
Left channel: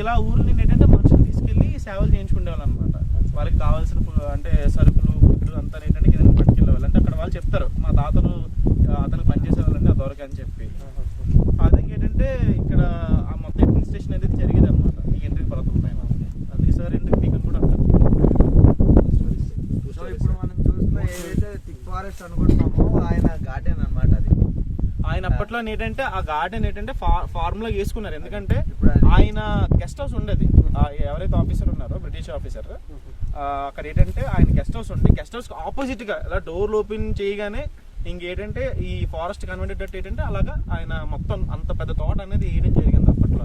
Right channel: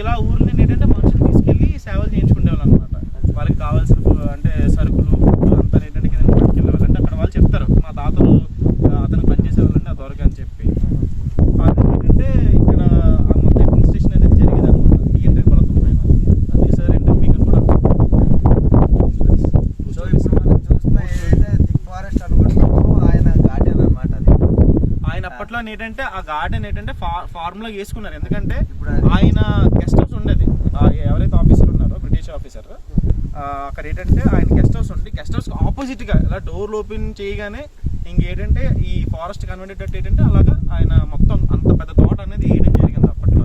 ఇలా ఊర్లు ఏంటంటే మనుషులు తీసుకెళ్ళి సేవలు చేయించుకునేవాళ్ళు అనమాట. వాళ్ళకి కావాల్సిన అంటే సరుకులు అంతా ఏంటంటే కింద పట్టుకెళ్ళేవాళ్ళు. అంటే అక్కడ వాళ్ళు చెప్తారు, మా తాతలు అతను పనిచేసేవాళ్ళంటే ఆ దొరక అని చెప్పి. అది ఏంటంటే ఇక్కడ ఆ మొత్తం అడ్మినిస్ట్రేషన్ అనేది జరిగేది అనమాట ఈ ఎండ్రిక పర్వతం పైన. సార్ ఎండ్రిక్ పీక్ కూడా ఇప్పుడు మనం చూస్తే ఏదైతే థిక్ ఫారెస్ట్ అనుకుంటున్నామో ఆయన గార్డెన్ అనమాట అది. ఆయన అప్పట్లో ఏంటంటే ఆ గార్డెన్ ఏంటంటే ఫార్ములా వేసుకున్నారు. ఎందుకంటే ఆయన గెస్ట్ హౌస్ ఉండేది, ఎవరైతే ఆఫీసర్ ఉన్నారో బ్రిటిష్ ఆఫీసర్, అక్కడ ఏంటంటే ఆయన గెస్ట్ హౌస్ ఉండి గెస్ట్ హౌస్ ఆపోజిట్ గా ఇలా డోర్లు ఓపెన్ చేయగానే ఇంకేంటంటే ఈ ఫారెస్ట్ కన్వర్టెడ్ ఏంటంటే అలాగా ఆయన మొత్తం అంత పెద్ద తోట అనేది వేయడం జరిగింది అప్పట్లో.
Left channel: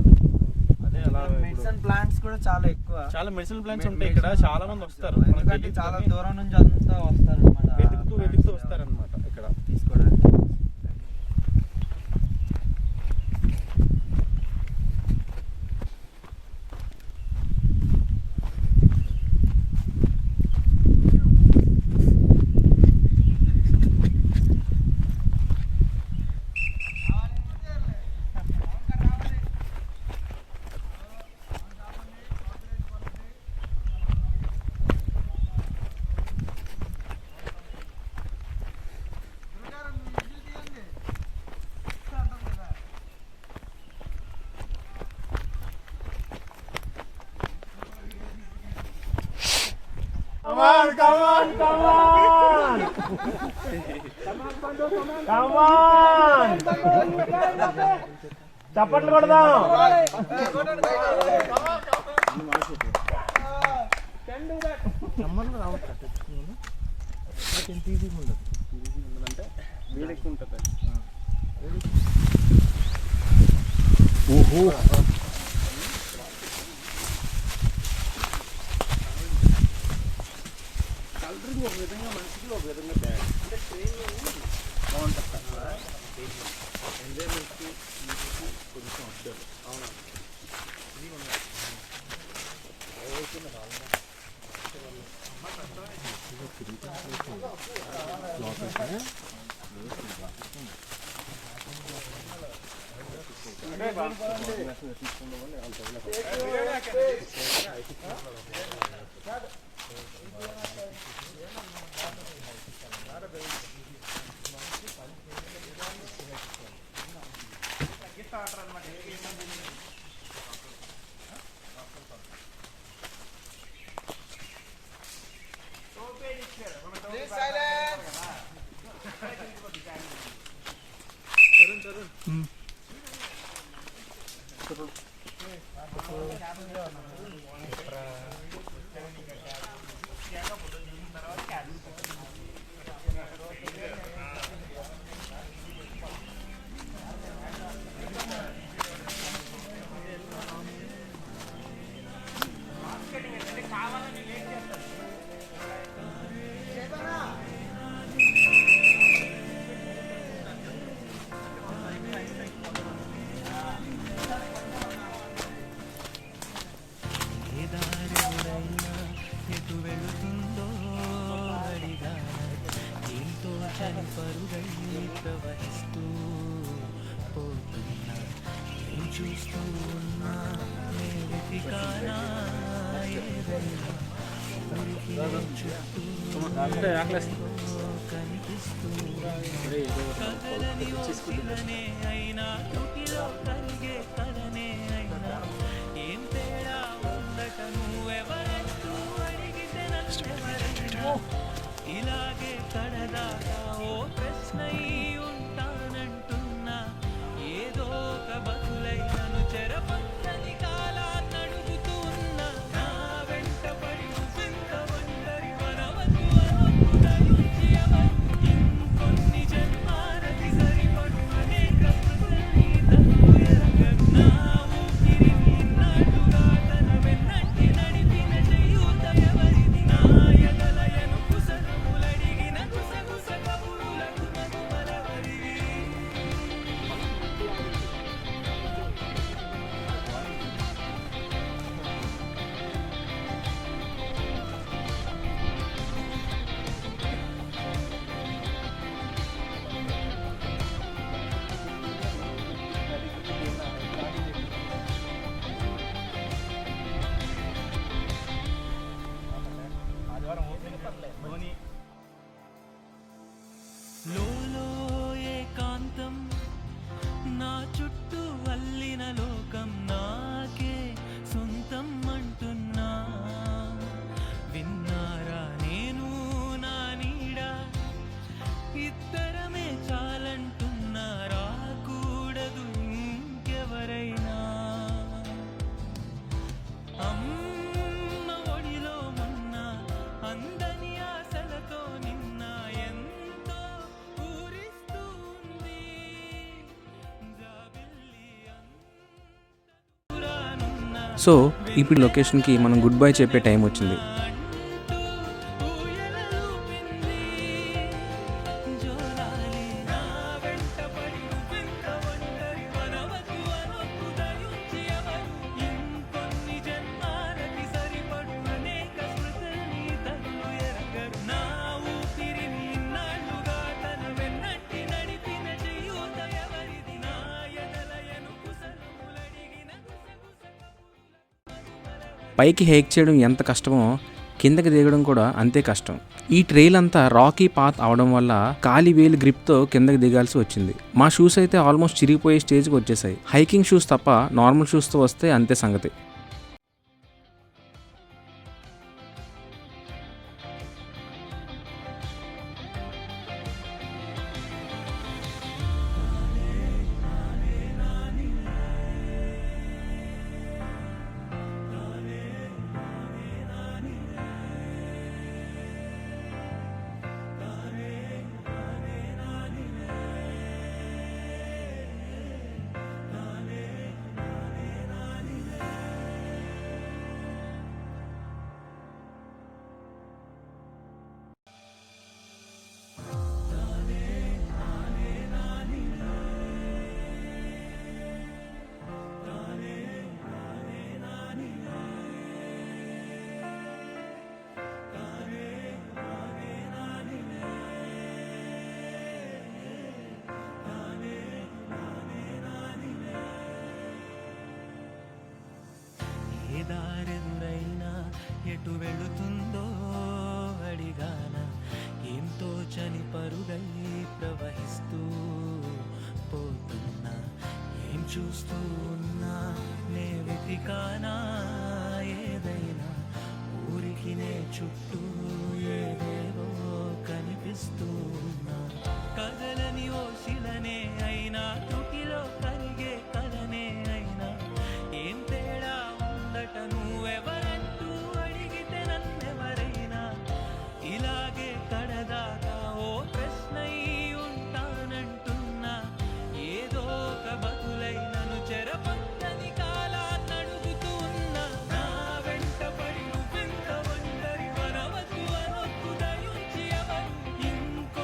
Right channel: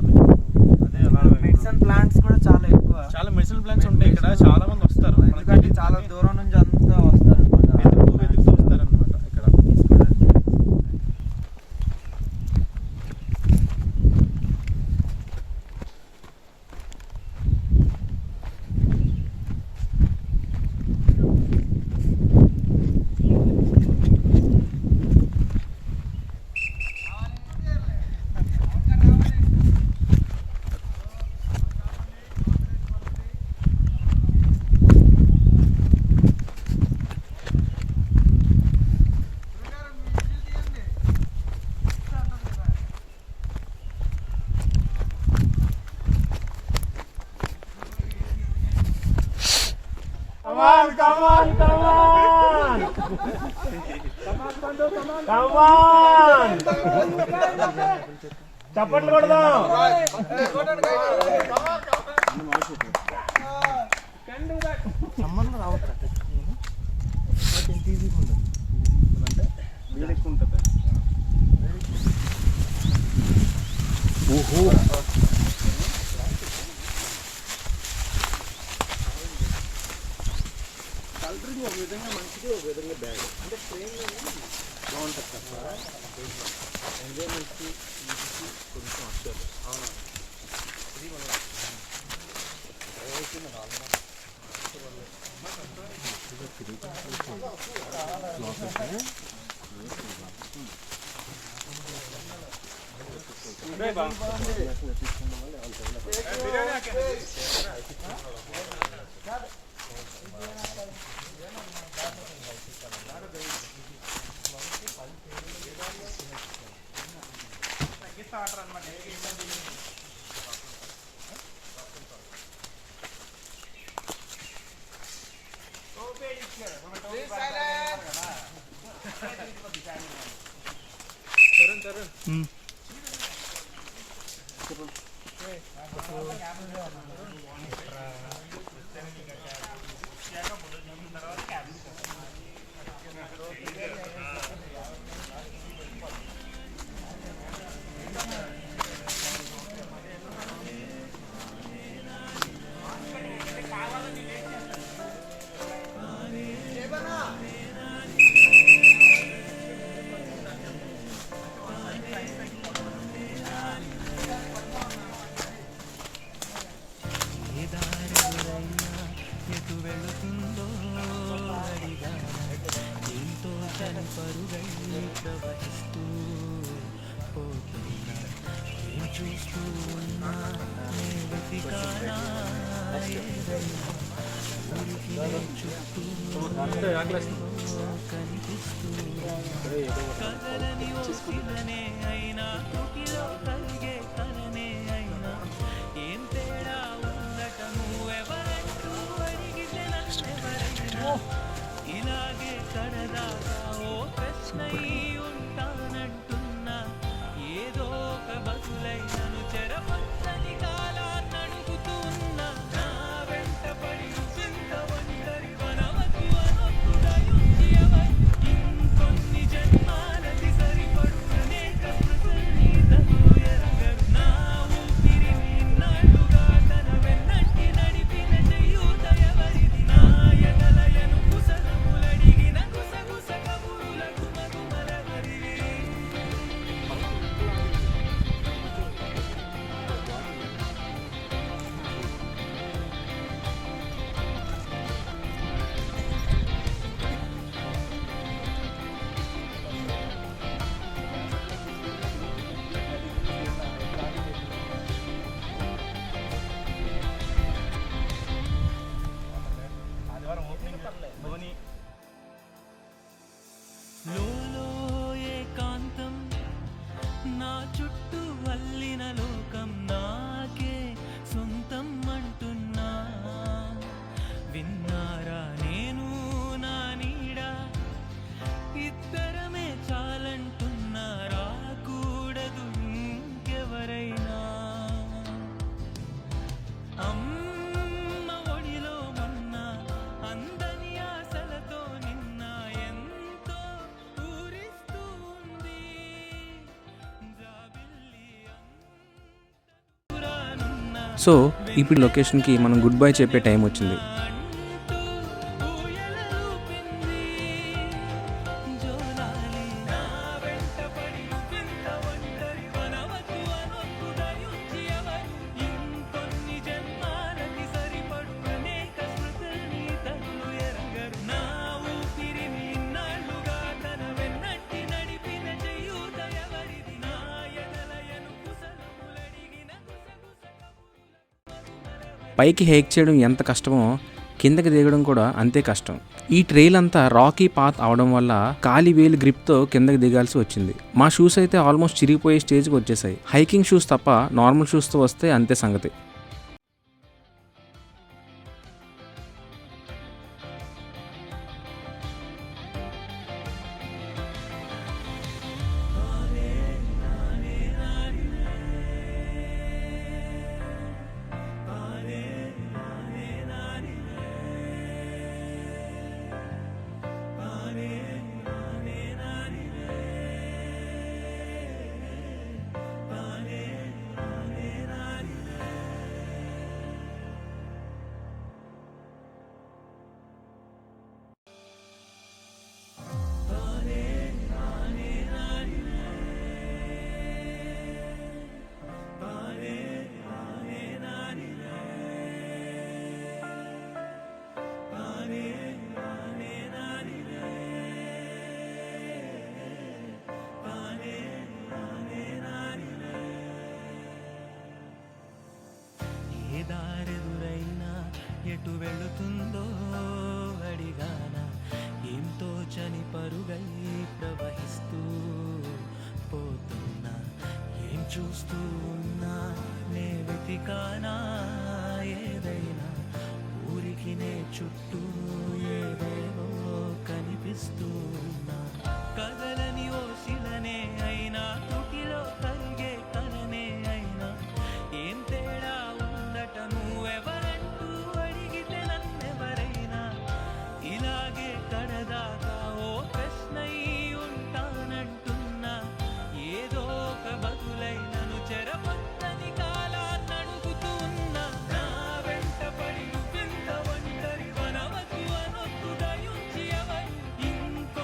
అదే అలా మెడిసిన్ ప్లాంట్స్ కూడా చాలా ఎక్కువ, చాలా మెడిసిన్ ప్లాంట్స్ ఉంటాయి ఇక్కడ. చాలా మంది వస్తారు, చాలా దూరం నుంచి అంతా వస్తారు అనమాట, వెతుకుతూ వస్తారనమాట ఇక్కడ. చప్పట్లు కొడదాం. ఓహో, ఎటు వెళుతుందో అడిగాన ఎంతో చని పరుగై ప్రవహిస్తూ పోతున్నా ఏం చూస్తూ ఉన్నా నే వెతికానా ఏదైనా ఊరికి నే చుట్టూ కనిపిస్తూ కదలని ఓ శిలనే అయినా తుటిలో కలిగే కలనే అయినా ఏం తేడా ఉందట నువ్వెవరంటూ అడిగితే నన్నెవరైనా ఇలాగే కడదాకా ఓ ప్రశ్నై ఉంటానంటున్నా ఏదో ఒక బతులై నన్ను చెరపచ్చని కాలాన్ని అడుగుతూ ఉన్నా నా వెంట పడి రుసింత ఒంటరి వనవద్దు అనొద్దు దయుంచి ఎవరు ఇంకొన్ని జన్మాలకి సరిపడు అనేక స్మృతుల్ని తను ఎరగరు నా ఊపిరి ఇన్నాళ్ళుగా తన వెన్నంటి నడిపిన చేయూత ఎవరిది నా ఎదలయను కుసలములడిగిన కుసగుస కబురుల గుమగుమలెవరివి ఆదివారం ఓపెనింగ్ ధోని లోలో ఏకాంతం నా చుట్టూ అల్లిన లోకం నాకే సొంతం అంటున్నా విన్నారా నేను నా నీడ ఇద్దరమే చాలంటున్నా రాకూడదు ఇంకెవరైనా అమ్మ ఒడిలో మొన్న అందని ఆశలతో నిన్న ఎంతో ఊరిస్తూ ఉంది జాబిల్లి అంత దూరానున్న సో ఇప్పుడు లొకేషన్కి మనం గుడ్ బై చెప్పే టైం వచ్చింది. అంటూ ఊయలూపింది జోలాలి నా వెంట పడి నువ్వింత ఒంటరి వనవద్దు అనొద్దు దయుంచి ఎవరు ఇంకొన్ని జన్మాలకి సరిపడు అనేక స్మృతుల్ని తను ఎరగరు నా ఊపిరిని ఇన్నాళ్ళుగా తన వెన్నంటి నడిపిన చేయూత ఎవరిది నా ఎదలయను కుసలములడిగిన గుసగుస పైకి హైక్ చేయడం ఎంత కష్టమో కిందకి దిగడం కూడా అంతే కష్టం. ఈ ట్రైల్ అంతా రాకీ పాత్ అవడం వల్ల కాలి వేలు గ్రిప్తో కిందకి దిగాల్సి వచ్చింది. మా షూస్ అయితే ఆల్మోస్ట్ చిరిగిపోయే స్టేజ్కి వచ్చేసాయి. హైకింగ్ షూస్ తప్ప నార్మల్ షూస్తో వస్తే అంతే సంగతి. ఏ దారెదురైనా ఎటు వెళుతుందో అడిగాన ఏం తోచని పరుగై ప్రవహిస్తూ పోతున్నా ఏం చూస్తూ ఉన్నా నే వెతికానా ఏదైనా ఊరికి నే చుట్టూ ఏవేవో కనిపిస్తూ ఉన్నా కదలని ఓ శిలనే అయినా తుటిలో కరిగే కలనే అయినా ఏం తేడా ఉందట నువ్వెవరంటూ అడిగితే నన్నెవరైనా ఇలాగే కడదాకా ఓ ప్రశ్నై ఉంటానంటున్నా ఏదో ఒక బతులై నన్ను చెరపచ్చని కాలాన్ని అడుగుతూ ఉన్నా నా వెంట పడి నువ్వింత ఒంటరి వనవద్దు అనొద్దు దయుంచి ఎవరు ఇంకో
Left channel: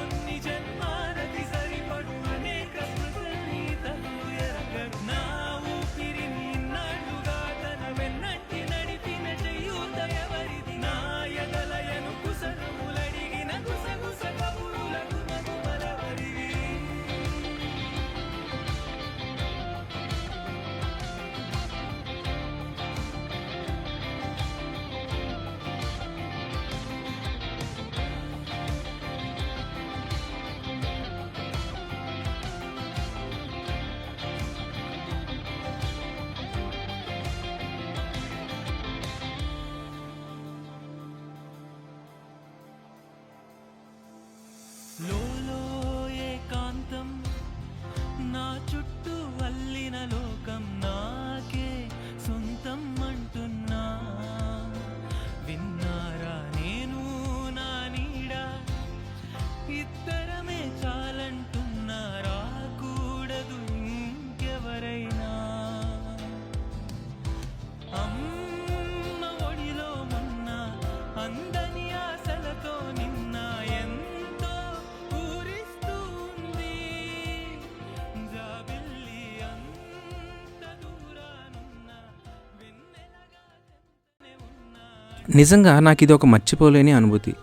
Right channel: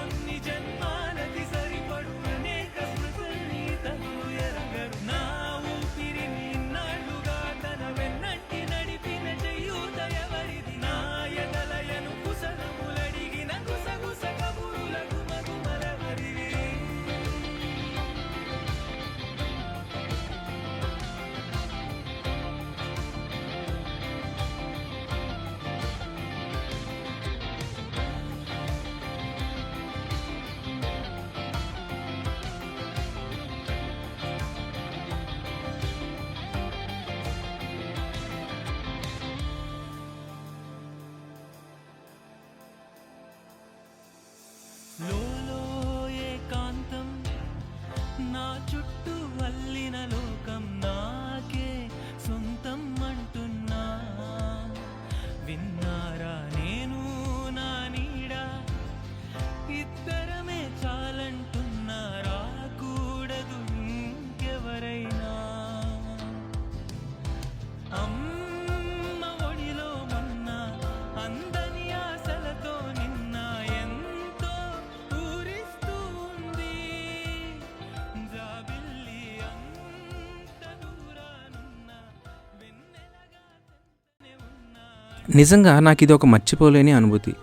చుట్టూ అల్లిన లోకం నాకే సొంతం అంటున్నా. విన్నారా నేను నా నీడ ఇద్దరమే చాలంటున్నా. రాకూడదు ఇంకెవరైనా. అమ్మ ఒడిలో మొన్న అందని ఆశలతో నిన్న ఎంతో ఊరిస్తూ ఉంది. జాబిల్లి అంత దూరానున్న వెన్నెలగా చెంతనే ఉన్నా. నిజంగా నాకు ఇది ఒక మర్చిపోలేని అనుభూతి.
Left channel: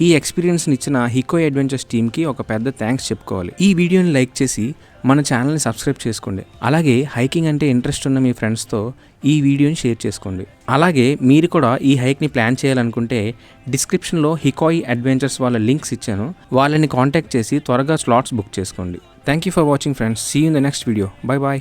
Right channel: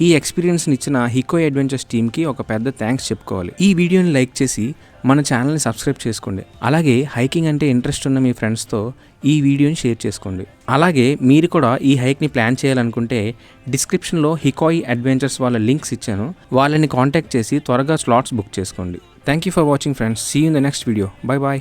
ఈ ఎక్స్పీరియన్స్ని ఇచ్చిన హికో అడ్వెంచర్స్ టీమ్కి ఒక పెద్ద థ్యాంక్స్ చెప్పుకోవాలి. ఈ వీడియోని లైక్ చేసి మన ఛానల్ని సబ్స్క్రైబ్ చేసుకోండి. అలాగే హైకింగ్ అంటే ఇంట్రెస్ట్ ఉన్న మీ ఫ్రెండ్స్తో ఈ వీడియోని షేర్ చేసుకోండి. అలాగే మీరు కూడా ఈ హైక్ని ప్లాన్ చేయాలనుకుంటే డిస్క్రిప్షన్లో హికోయి అడ్వెంచర్స్ వాళ్ళ లింక్స్ ఇచ్చాను. వాళ్ళని కాంటాక్ట్ చేసి త్వరగా స్లాట్స్ బుక్ చేసుకోండి. Thank you for watching friends. See you in the next video. Bye bye.